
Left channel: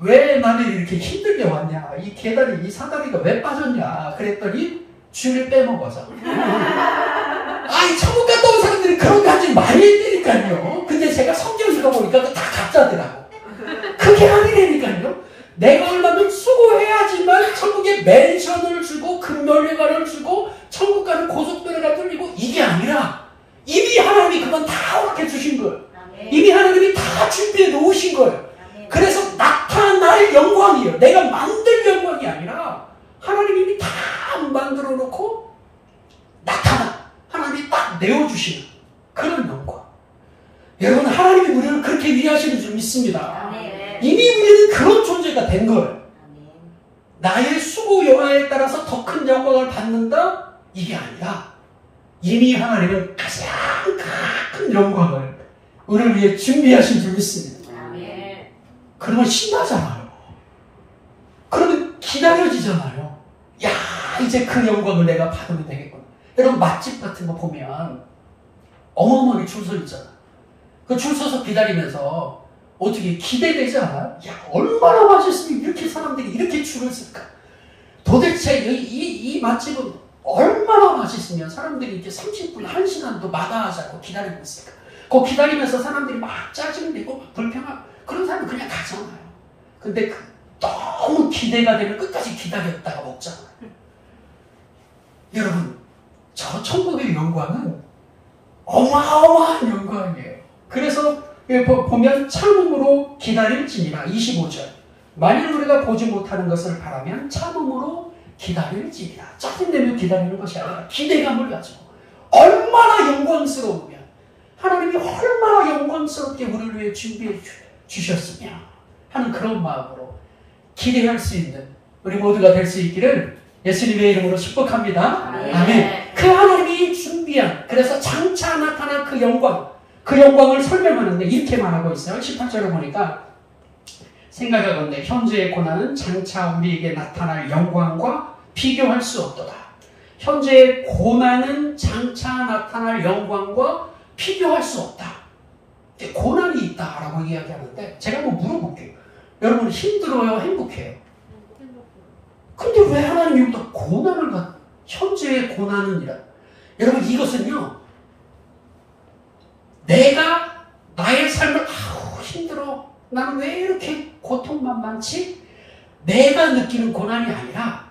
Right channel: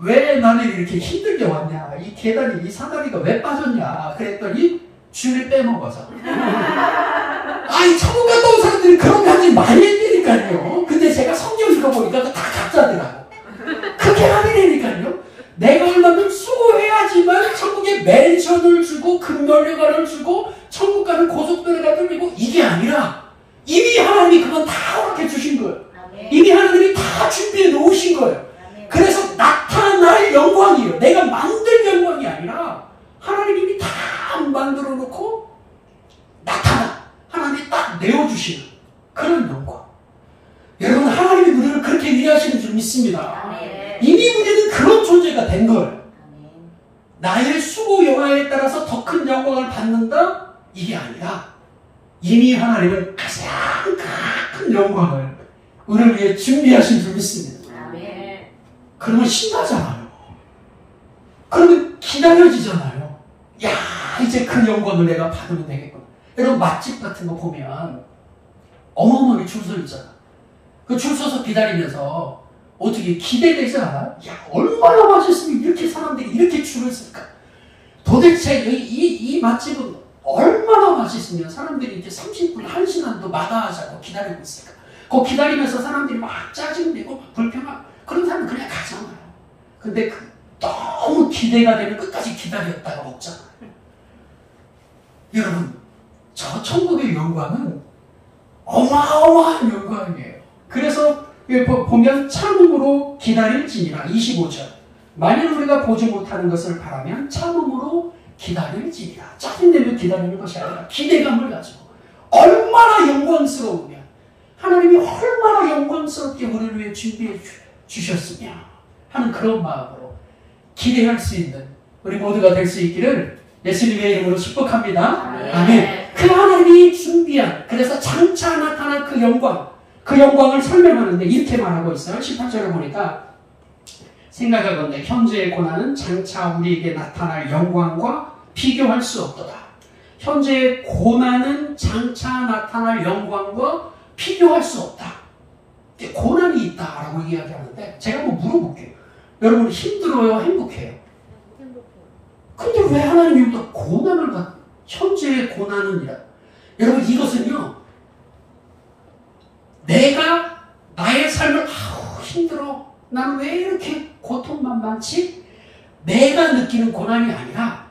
왜 나는 이렇게 힘들게 왔냐? 이 계단이 이 사다리가 왜 빠졌냐? 그랬더니 주인이 빼먹어서. 아이 천국 갔다 온 사람들이 그런 거 하지 말랬다니까요. 근데 제가 성경 읽어보니까 다 가짜더라고. 그게 아니라니까요. 내가 얼마나 수고해야지만 천국에 맨션을 주고 금면류관을 주고 천국 가는 고속도로가 뚫리고 이게 아니라 이미 하나님이 그건 다 허락해 주신 거예요. 아멘. 이미 하나님이 다 준비해 놓으신 거예요. 아멘. 그래서 나타날 영광이에요. 내가 만들 영광이 아니라 하나님이 이미 다 만들어 놓고 하나님이 딱 내어주시는 그런 영광. 여러분, 하나님이 우리를 그렇게 위하시는 줄 믿습니다. 아멘. 이미 우리는 그런 존재가 된 거예요. 아멘. 나의 수고 여하에 따라서 더 큰 영광을 받는다? 이게 아니라 이미 하나님은 가장 큰 영광을 우리를 위해 준비하신 줄 믿습니다. 아멘. 그러면 신나잖아요. 그러면 기다려지잖아요. 야, 이제 그 영광을 내가 받으면 되겠구나. 여러분, 맛집 같은 거 보면 어마어마하게 줄 서 있잖아. 그 줄 서서 기다리면서 어떻게 기대되지 않아? 야, 얼마나 맛있으면 이렇게 사람들이 이렇게 줄을 쓸까? 도대체 이 맛집은 얼마나 맛있으면 사람들이 이렇게 30분, 1시간도 마다하지 않고 기다리고 있을까? 그 기다리면서 사람들이 막 짜증내고 불평하고 그런 사람은 그냥 가잖아요. 근데 너무 기대가 되면 끝까지 기다렸다가 먹잖아요. 여러분, 저 천국의 영광은 어마어마한 영광이에요. 그래서 보면 참음으로 기다릴지니라 25절. 만일 우리가 보지 못하는 것을 바라면 참음으로 기다릴지니라. 짜증내면 기다리는 것이 아니라 기대감을 가지고 얼마나 영광스러우면 하나님이 얼마나 영광스럽게 우리를 위해 준비해 주셨으며 하는 그런 마음으로 기대할 수 있는 우리 모두가 될 수 있기를 예수님의 이름으로 축복합니다. 아멘. 그 하나님이 준비한, 그래서 장차 나타날 그 영광을 설명하는데 이렇게 말하고 있어요. 18절을 보니까 생각하건대 현재의 고난은 장차 우리에게 나타날 영광과 비교할 수 없도다. 현재의 고난은 장차 나타날 영광과 비교할 수 없다. 고난이 있다라고 이야기하는데 제가 한번 물어볼게요. 여러분, 힘들어요? 행복해요? 근데 왜 하나님이 다 고난을 현재의 고난은이라? 여러분, 이것은요, 내가 나의 삶을 힘들어, 나는 왜 이렇게 고통만 많지? 내가 느끼는 고난이 아니라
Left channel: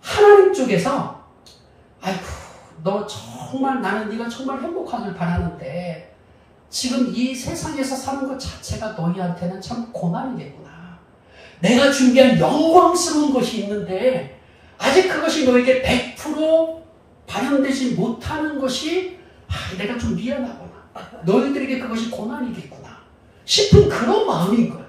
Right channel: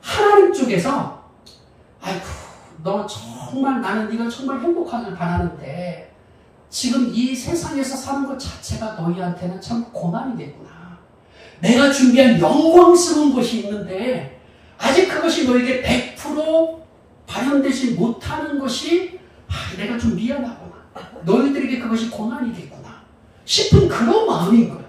하나님 쪽에서 아이고, 너 정말, 나는 네가 정말 행복하길 바라는데 지금 이 세상에서 사는 것 자체가 너희한테는 참 고난이겠구나. 내가 준비한 영광스러운 것이 있는데 아직 그것이 너에게 100% 발현되지 못하는 것이 내가 좀 미안하구나. 너희들에게 그것이 고난이겠구나 싶은 그런 마음인 거예요.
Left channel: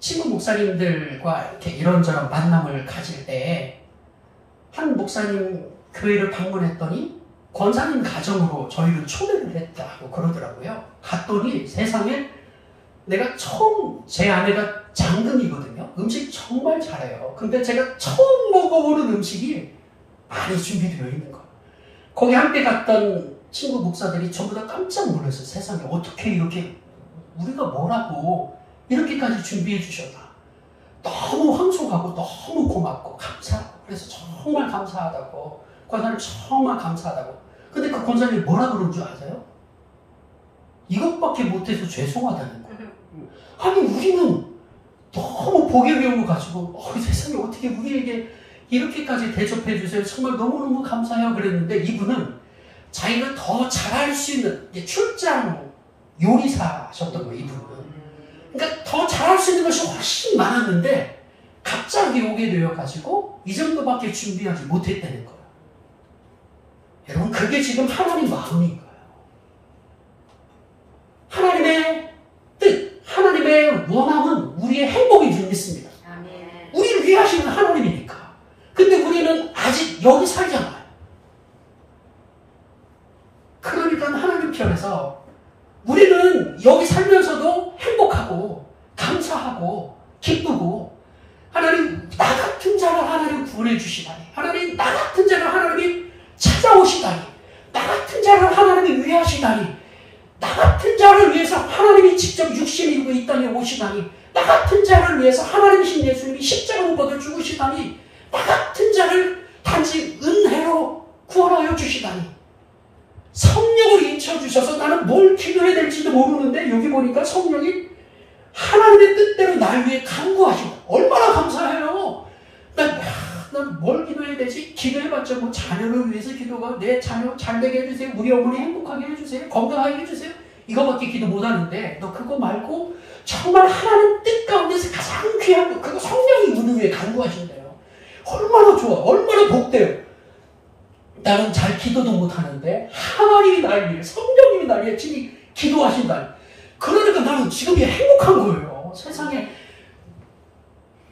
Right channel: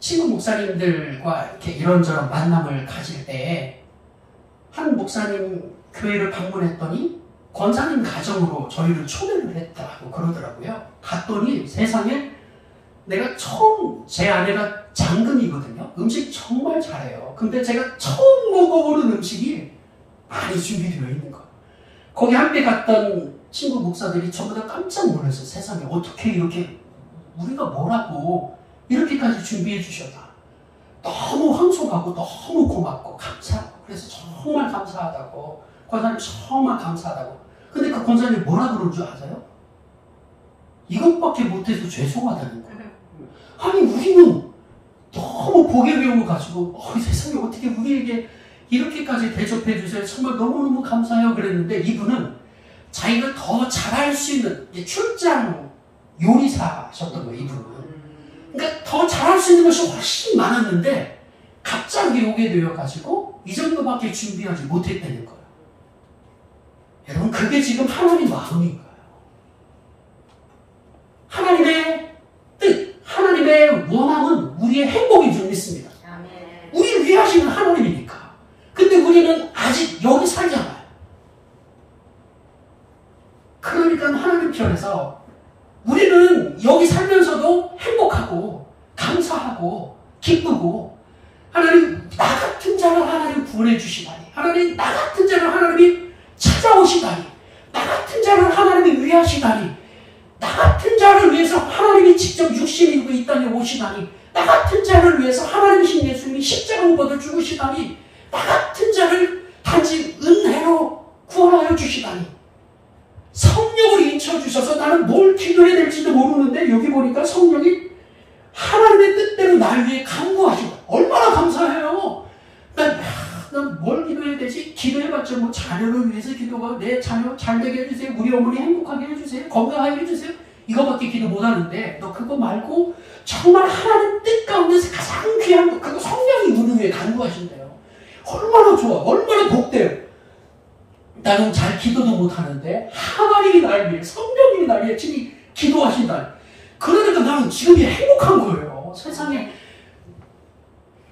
친구 목사님들과 이렇게 이런저런 만남을 가질 때 한 목사님 교회를 방문했더니 권사님 가정으로 저희를 초대를 했다고 그러더라고요. 갔더니 세상에 내가 처음 제 아내가 장군이거든요. 음식 정말 잘해요. 근데 제가 처음 먹어보는 음식이 많이 준비되어 있는 거. 거기 함께 갔던 친구 목사들이 전부 다 깜짝 놀랐어요. 세상에 어떻게 이렇게 우리가 뭐라고 이렇게까지 준비해 주셨나. 너무 황송하고 너무 고맙고 감사하고 그래서 정말 감사하다고 권사님 정말 감사하다고. 근데 그 권사님이 뭐라 그런 줄 아세요? 이것밖에 못해서 죄송하다는 거예요. 아니 우리는 너무 복의 명을 가지고 세상에 어떻게 우리에게 이렇게까지 대접해 주세요. 정말 너무너무 감사해요. 그랬는데 이분은 자기가 더 잘할 수 있는 출장 요리사셨던 거예요. 이분은. 그러니까 더 잘할 수 있는 것이 훨씬 많았는데 갑자기 오게 되어가지고 이 정도밖에 준비하지 못했다는 거예요. 여러분 그게 지금 하나님 마음인 거예요. 하나님의 뜻, 하나님의 원함은 우리의 행복인 줄 믿습니다. 아멘. 우리를 위하시는 하나님이니까. 근데 우리는 아직 여기 살잖아요. 그러니까 하나님 편에서 우리는 여기 살면서도 행복하고 감사하고 기쁘고 하나님 나 같은 자를 하나님 구원해 주시다니 하나님 나 같은 자를 하나님이 찾아오시다니 나 같은 자를 하나님이 위하시다니 나 같은 자를 위해서 하나님이 직접 육신이 입고 이 땅에 오시다니 나 같은 자를 위해서 하나님이신 예수님이 십자가 받아 죽으시다니 나 같은 자를 단지 은혜로 구원하여 주시다니 성령을 인쳐주셔서 나는 뭘 기도해야 될지도 모르는데 여기 보니까 성령이 하나님의 뜻대로 날 위해 간구하신다. 얼마나 감사해요. 난 뭘 기도해야 되지? 기도해봤자 뭐 자녀를 위해서 기도가 내 자녀 잘 되게 해주세요. 우리 어머니 행복하게 해주세요. 건강하게 해주세요. 이거밖에 기도 못하는데 너 그거 말고 정말 하나님 뜻 가운데서 가장 귀한 거 그거 성령이 우리 위해 간구하신대요. 얼마나 좋아. 얼마나 복돼요. 나는 잘 기도도 못하는데 하나님이 날 위해 성령님이 날 위해 지금 기도하신다. 그러니까 나는 지금이 행복한 거예요. 세상에.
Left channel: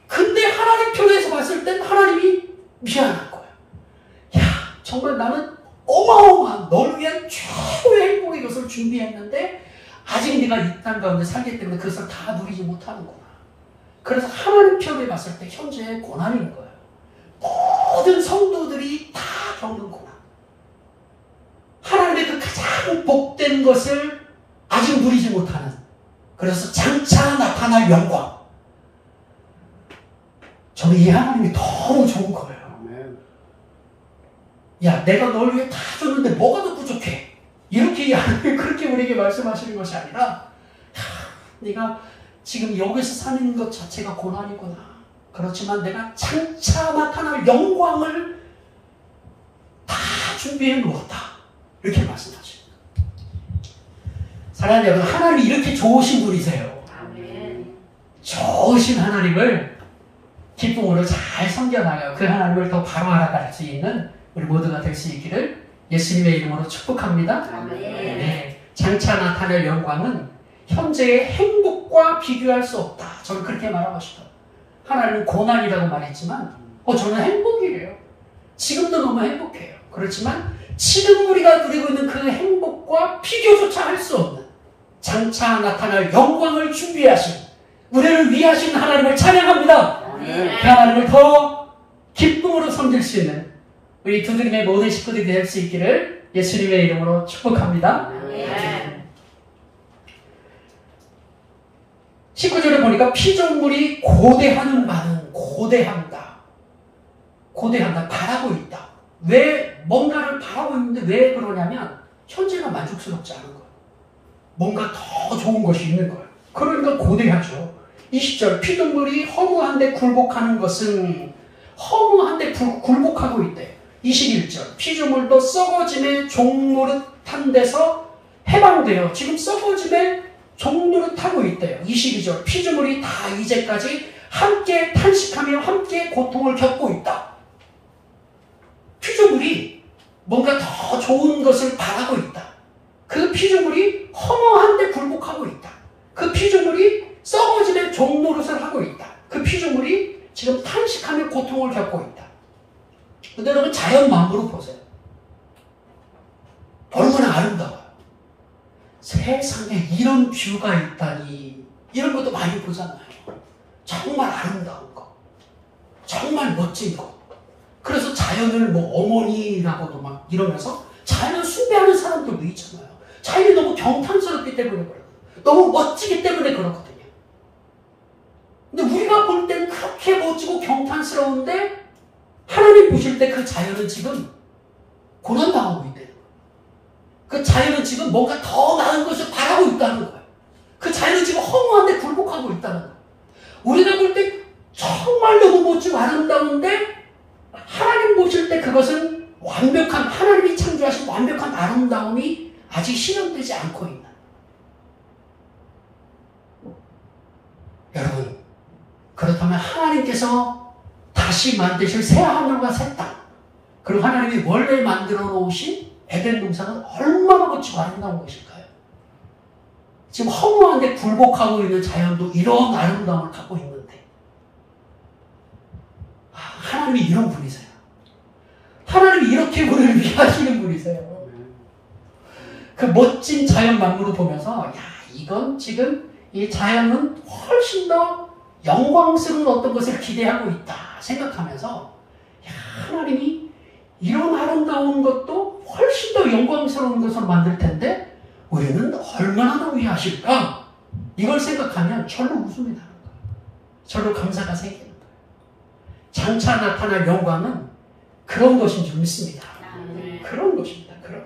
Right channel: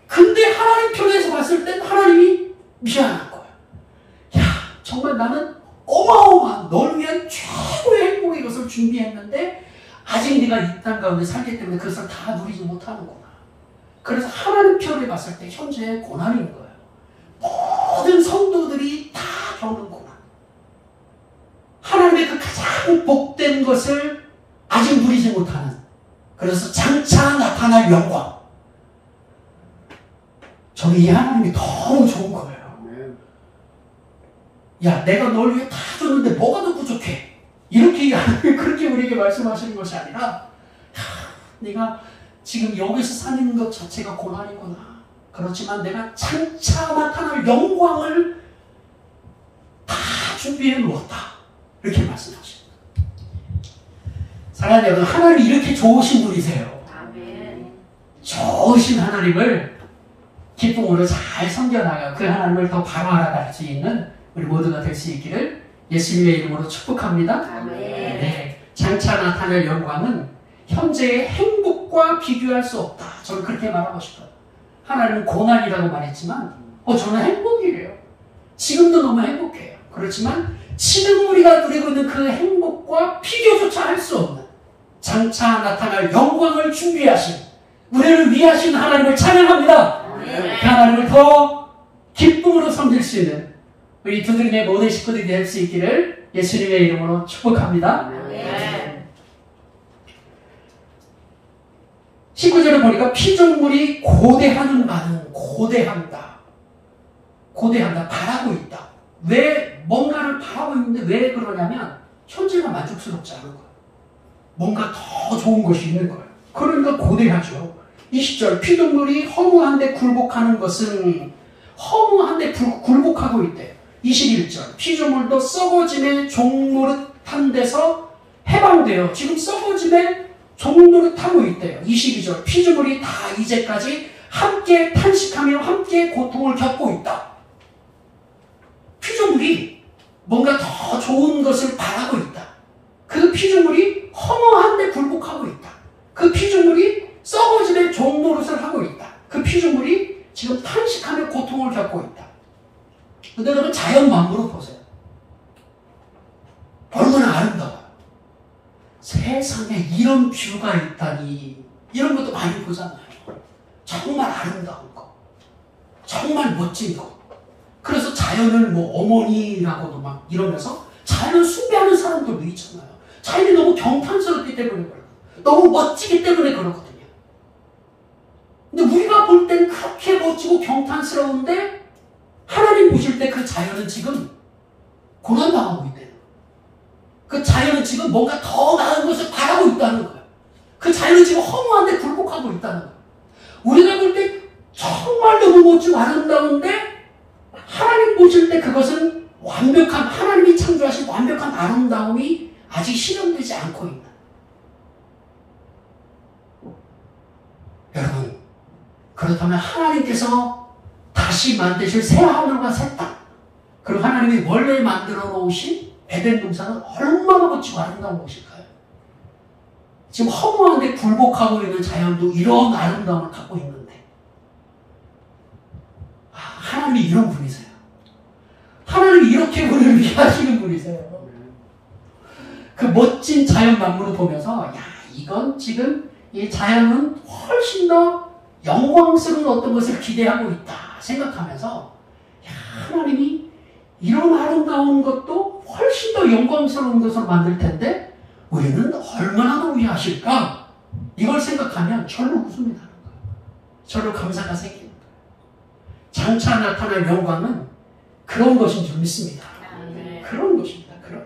근데 하나님 편에서 봤을 땐 하나님이 미안한 거예요. 야 정말 나는 어마어마한 널 위한 최고의 행복의 것을 준비했는데 아직 네가 이 땅 가운데 살기 때문에 그것을 다 누리지 못하는구나. 그래서 하나님 편에 봤을 때 현재의 고난인 거예요. 모든 성도들이 다 겪는 고난. 하나님의 그 가장 복된 것을 아직 누리지 못하는. 그래서 장차 나타날 영광. 저는 이 하나님이 너무 좋은 거예요. 야, 내가 널 위해 다 줬는데 뭐가 더 부족해? 이렇게 하나님이 그렇게 우리에게 말씀하시는 것이 아니라 네가 지금 여기서 사는 것 자체가 고난이구나. 그렇지만 내가 장차 나타날 영광을 다 준비해 놓았다. 이렇게 말씀하십니다. 사랑하는 여러분, 하나님이 이렇게 좋으신 분이세요. 아멘. 좋으신 하나님을 기쁨으로 잘 섬겨나가 그 하나님을 더 바로 알아갈 수 있는 우리 모두가 될 수 있기를 예수님의 이름으로 축복합니다. 아멘. 네, 장차 나타날 영광은 현재의 행복과 비교할 수 없다. 저는 그렇게 말하고 싶어요. 하나님은 고난이라고 말했지만 저는 행복이래요. 지금도 너무 행복해요. 그렇지만 지금 우리가 누리고 있는 그 행복과 비교조차 할 수 없는 장차 나타날 영광을 준비하신 우리를 위하신 하나님을 찬양합니다. 아멘. 그 하나님을 더 기쁨으로 섬길 수 있는 우리 두드림의 모든 식구들이 될 수 있기를 예수님의 이름으로 축복합니다. 아멘. 19절에 보니까 피조물이 고대하는 바는 고대한다. 고대한다. 바라고 있다. 왜 뭔가를 바라고 있는데 왜 그러냐면 현재가 만족스럽지 않은 거예요. 뭔가 더 좋은 것이 있는 거예요. 그러니까 고대하죠. 20절 피조물이 허무한데 굴복하는 것은 허무한데 굴복하고 있대요. 21절 피조물도 썩어짐의 종노릇한 데서 해방되어 지금 썩어짐의 종노릇하고 있대요. 22절 피조물이 다 이제까지 함께 탄식하며 함께 고통을 겪고 있다. 피조물이 뭔가 더 좋은 것을 바라고 있다. 그 피조물이 허무한데 굴복하고 있다. 그 피조물이 썩어짐의 종노릇을 하고 있다. 그 피조물이 지금 탄식하며 고통을 겪고 있다. 근데 여러분 자연 만물을 보세요. 얼마나 아름다워요. 세상에 이런 뷰가 있다니 이런 것도 많이 보잖아요. 정말 아름다운 거, 정말 멋진 거. 그래서 자연을 뭐 어머니라고도 막 이러면서 자연을 숭배하는 사람들도 있잖아요. 자연이 너무 경탄스럽기 때문에 그래요. 너무 멋지기 때문에 그렇거든요. 근데 우리가 볼 땐 그렇게 멋지고 경탄스러운데 하나님 보실 때 그 자연은 지금 고난당하고 있대요. 그 자연은 지금 뭔가 더 나은 것을 바라고 있다는 거예요. 그 자연은 지금 허무한데 굴복하고 있다는 거예요. 우리가 볼 때 정말 너무 멋지고 아름다운데 하나님 보실 때 그것은 완벽한, 하나님이 창조하신 완벽한 아름다움이 아직 실현되지 않고 있는. 여러분, 그렇다면 하나님께서 다시 만드실 새 하늘과 새 땅, 그리고 하나님이 원래 만들어 놓으신 에덴 동산은 얼마나 멋지고 아름다운 것일까요? 지금 허무한데 굴복하고 있는 자연도 이런 아름다움을 갖고 있는데, 하나님이 이런 분이세요. 하나님이 이렇게 우리를 위하시는 분이세요. 그 멋진 자연 만물을 보면서 야, 이건 지금 이 자연은 훨씬 더 영광스러운 어떤 것을 기대하고 있다 생각하면서 야, 하나님이 이런 아름다운 것도 훨씬 더 영광스러운 것을 만들 텐데 우리는 얼마나 더 위하실까? 이걸 생각하면 절로 웃음이 나는 거예요. 절로 감사가 생기는 거예요. 장차 나타날 영광은 그런 것인 줄 믿습니다. 아멘. 그런 것입니다. 그런.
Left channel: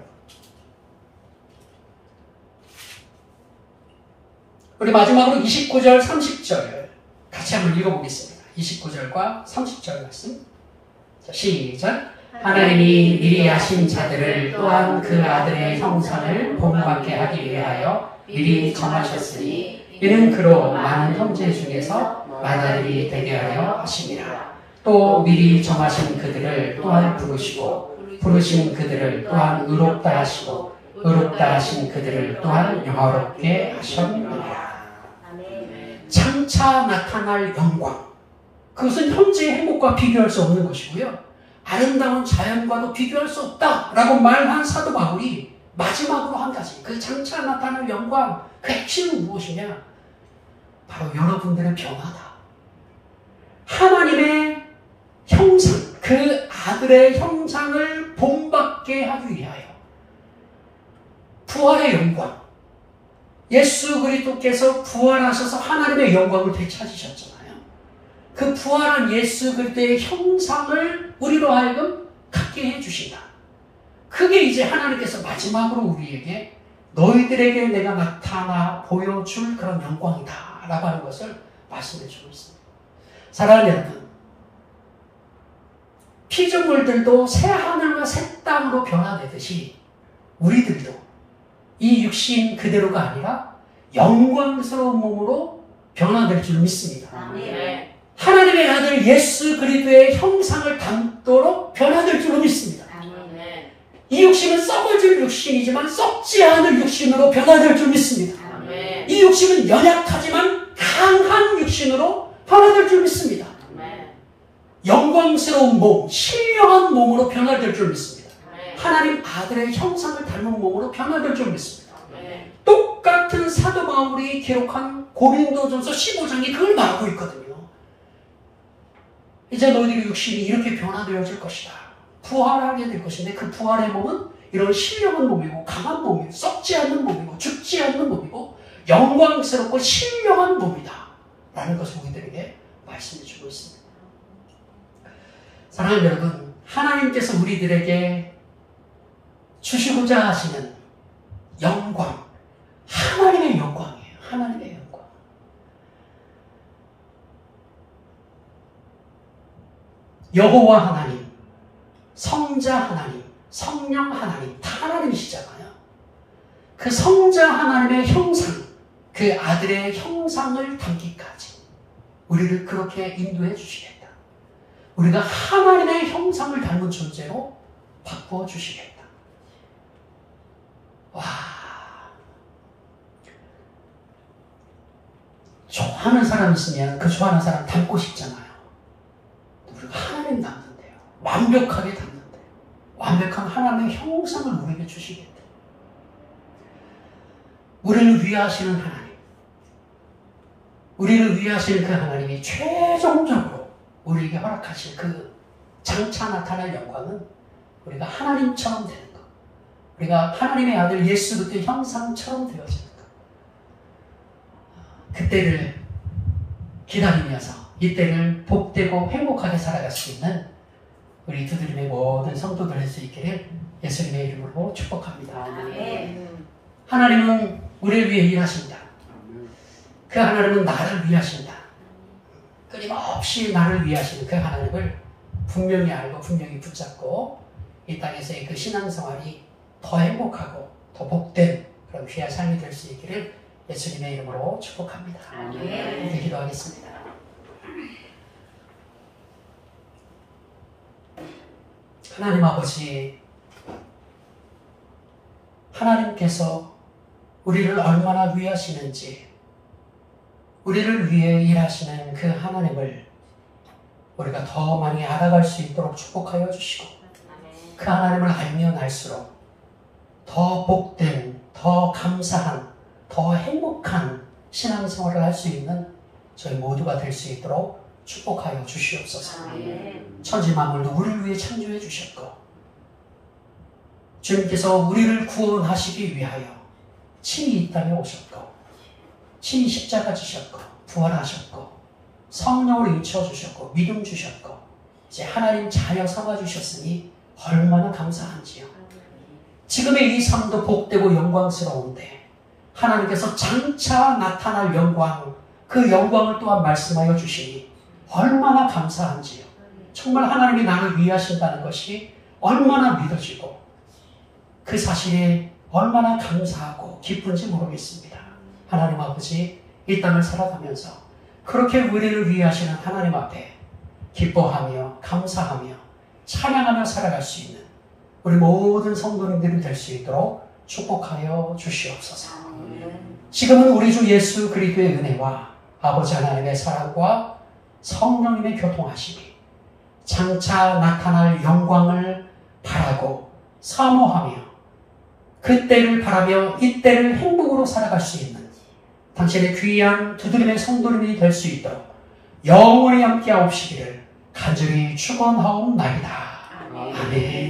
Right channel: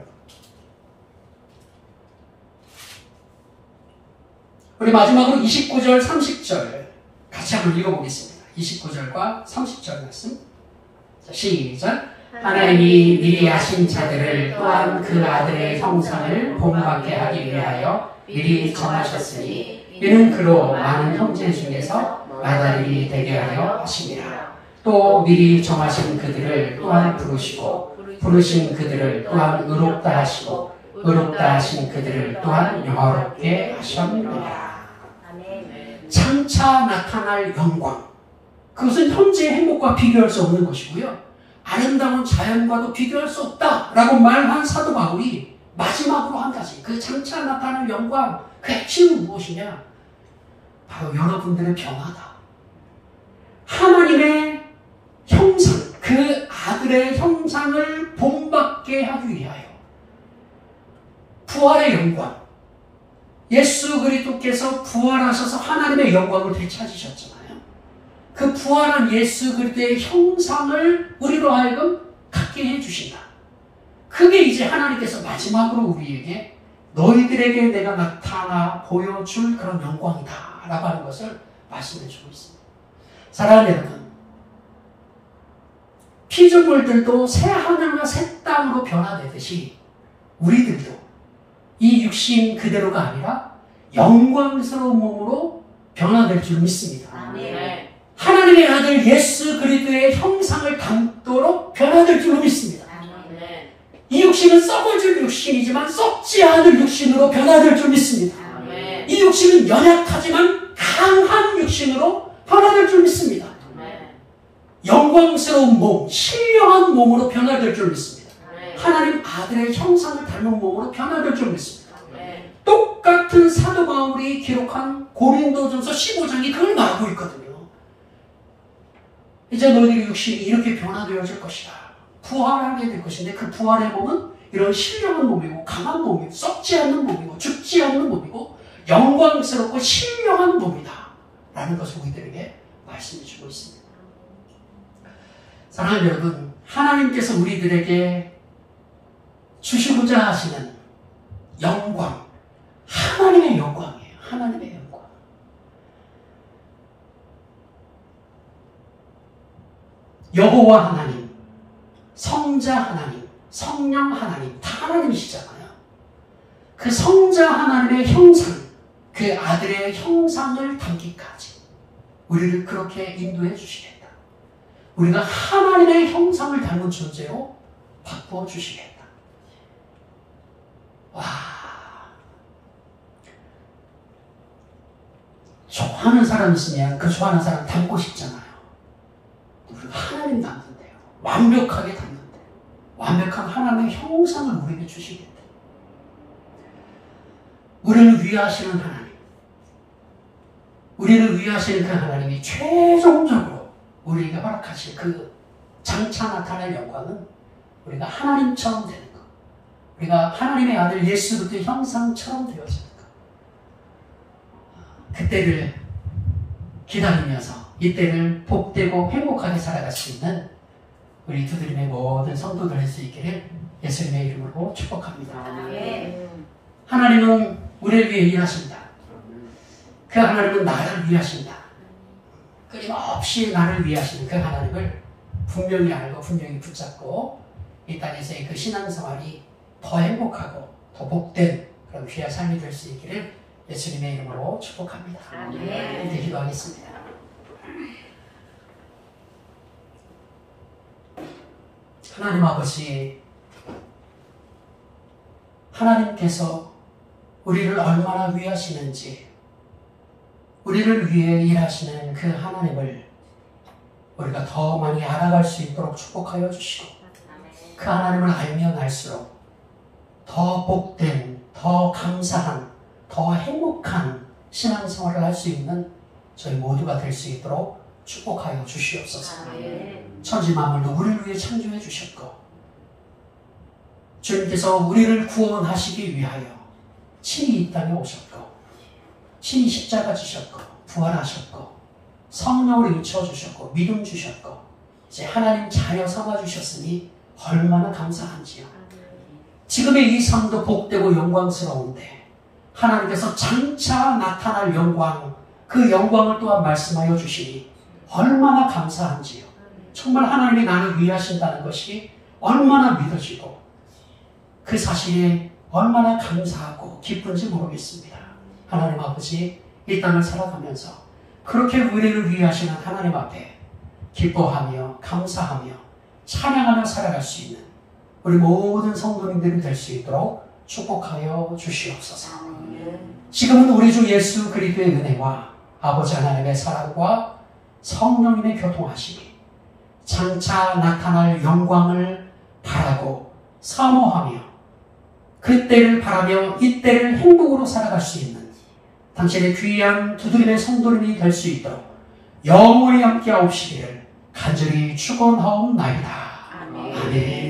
우리 마지막으로 29절, 30절 같이 한번 읽어보겠습니다. 29절과 30절 말씀. 자, 시작. 하나님이 미리 아신 자들을 또한 그 아들의 형상을 본받게 하기 위하여 미리 정하셨으니 이는 그로 많은 형제 중에서 맏아들이 되게 하려 하심이라. 또 미리 정하신 그들을 또한 부르시고 부르신 그들을 또한 의롭다 하시고 의롭다 하신 그들을 또한 영화롭게 하셨느니라. 아멘. 장차 나타날 영광, 그것은 현재의 행복과 비교할 수 없는 것이고요, 아름다운 자연과도 비교할 수 없다라고 말한 사도 바울이 마지막으로 한 가지, 그 장차 나타날 영광, 그 핵심은 무엇이냐? 바로 여러분들의 변화다. 하나님의 형상, 그 아들의 형상을 본받게 하기 위하여 부활의 영광, 예수 그리스도께서 부활하셔서 하나님의 영광을 되찾으셨잖아요. 그 부활한 예수 그리스도의 형상을 우리로 하여금 갖게 해주신다. 그게 이제 하나님께서 마지막으로 우리에게 너희들에게 내가 나타나 보여줄 그런 영광이다 라고 하는 것을 말씀해 주고 있습니다. 사랑하는 여러분, 피조물들도 새 하늘과 새 땅으로 변화되듯이 우리들도 이 육신 그대로가 아니라 영광스러운 몸으로 변화될 줄 믿습니다. 아멘. 하나님의 아들 예수 그리스도의 형상을 담도록 변화될 줄 믿습니다. 아멘. 이 육신은 썩어질 육신이지만 썩지 않을 육신으로 변화될 줄 믿습니다. 아멘. 이 육신은 연약하지만 강한 육신으로 변화될 줄 믿습니다. 아멘. 영광스러운 몸, 신령한 몸으로 변화될 줄 믿습니다. 아멘. 하나님 아들의 형상을 닮은 몸으로 변화될 줄 믿습니다. 아멘. 똑같은 사도 바울이 기록한 고린도전서 15장이 그걸 말하고 있거든요. 이제 너희들의 육신이 이렇게 변화되어질 것이다. 부활하게 될 것인데 그 부활의 몸은 이런 신령한 몸이고 강한 몸이고 썩지 않는 몸이고 죽지 않는 몸이고 영광스럽고 신령한 몸이다 라는 것을 우리들에게 말씀해 주고 있습니다. 사랑하는 여러분, 하나님께서 우리들에게 주시고자 하시는 영광, 하나님의 영광이에요. 하나님의 영광. 여호와 하나님, 성자 하나님, 성령 하나님, 다 하나님이시잖아요. 그 성자 하나님의 형상, 그 아들의 형상을 담기까지 우리를 그렇게 인도해 주시겠다. 우리가 하나님의 형상을 닮은 존재로 바꾸어 주시겠다. 와, 좋아하는 사람 있으면 그 좋아하는 사람 닮고 싶잖아요. 우리가 하나님 닮는데요. 완벽하게 닮는데요. 완벽한 하나님의 형상을 우리에게 주시겠다. 우리를 위하시는 하나님, 우리를 위하시는 그 하나님이 최종적으로 우리에게 허락하실 그 장차 나타날 영광은 우리가 하나님처럼 되는 것, 우리가 하나님의 아들 예수 그리스도의 형상처럼 되어지는 것, 그때를 기다리면서 이때를 복되고 행복하게 살아갈 수 있는 우리 두드림의 모든 성도들 할 수 있기를 예수님의 이름으로 축복합니다. 하나님은 우리를 위해 일하십니다. 그 하나님은 나를 위하신다. 끊임없이 나를 위하시는 그 하나님을 분명히 알고 분명히 붙잡고 이 땅에서의 그 신앙생활이 더 행복하고 더 복된 그런 귀한 삶이 될 수 있기를 예수님의 이름으로 축복합니다. 이제 기도하겠습니다. 하나님 아버지, 하나님께서 우리를 얼마나 위하시는지, 우리를 위해 일하시는 그 하나님을 우리가 더 많이 알아갈 수 있도록 축복하여 주시고, 그 하나님을 알면 알수록 더 복된, 더 감사한, 더 행복한 신앙생활을 할 수 있는 저희 모두가 될 수 있도록 축복하여 주시옵소서. 천지만물 누구를 위해 창조해 주셨고, 주님께서 우리를 구원하시기 위하여 친히 이 땅에 오셨고, 친히 십자가 지셨고, 부활하셨고, 성령으로 인쳐 주셨고, 믿음 주셨고, 이제 하나님 자녀 삼아 주셨으니 얼마나 감사한지요. 지금의 이 삶도 복되고 영광스러운데 하나님께서 장차 나타날 영광, 그 영광을 또한 말씀하여 주시니 얼마나 감사한지요. 정말 하나님이 나를 위하신다는 것이 얼마나 믿어지고 그 사실이 얼마나 감사하고 기쁜지 모르겠습니다. 하나님 아버지, 이 땅을 살아가면서 그렇게 우리를 위하시는 하나님 앞에 기뻐하며 감사하며 찬양하며 살아갈 수 있는 우리 모든 성도님들이 될 수 있도록 축복하여 주시옵소서. 지금은 우리 주 예수 그리스도의 은혜와 아버지 하나님의 사랑과 성령님의 교통하심이 장차 나타날 영광을 바라고 사모하며 그때를 바라며 이때를 행복으로 살아갈 수 있는 당신의 귀한 두드림의 성도님이 될 수 있도록 영원히 함께하옵시기를 간절히 축원하옵나이다. 아멘.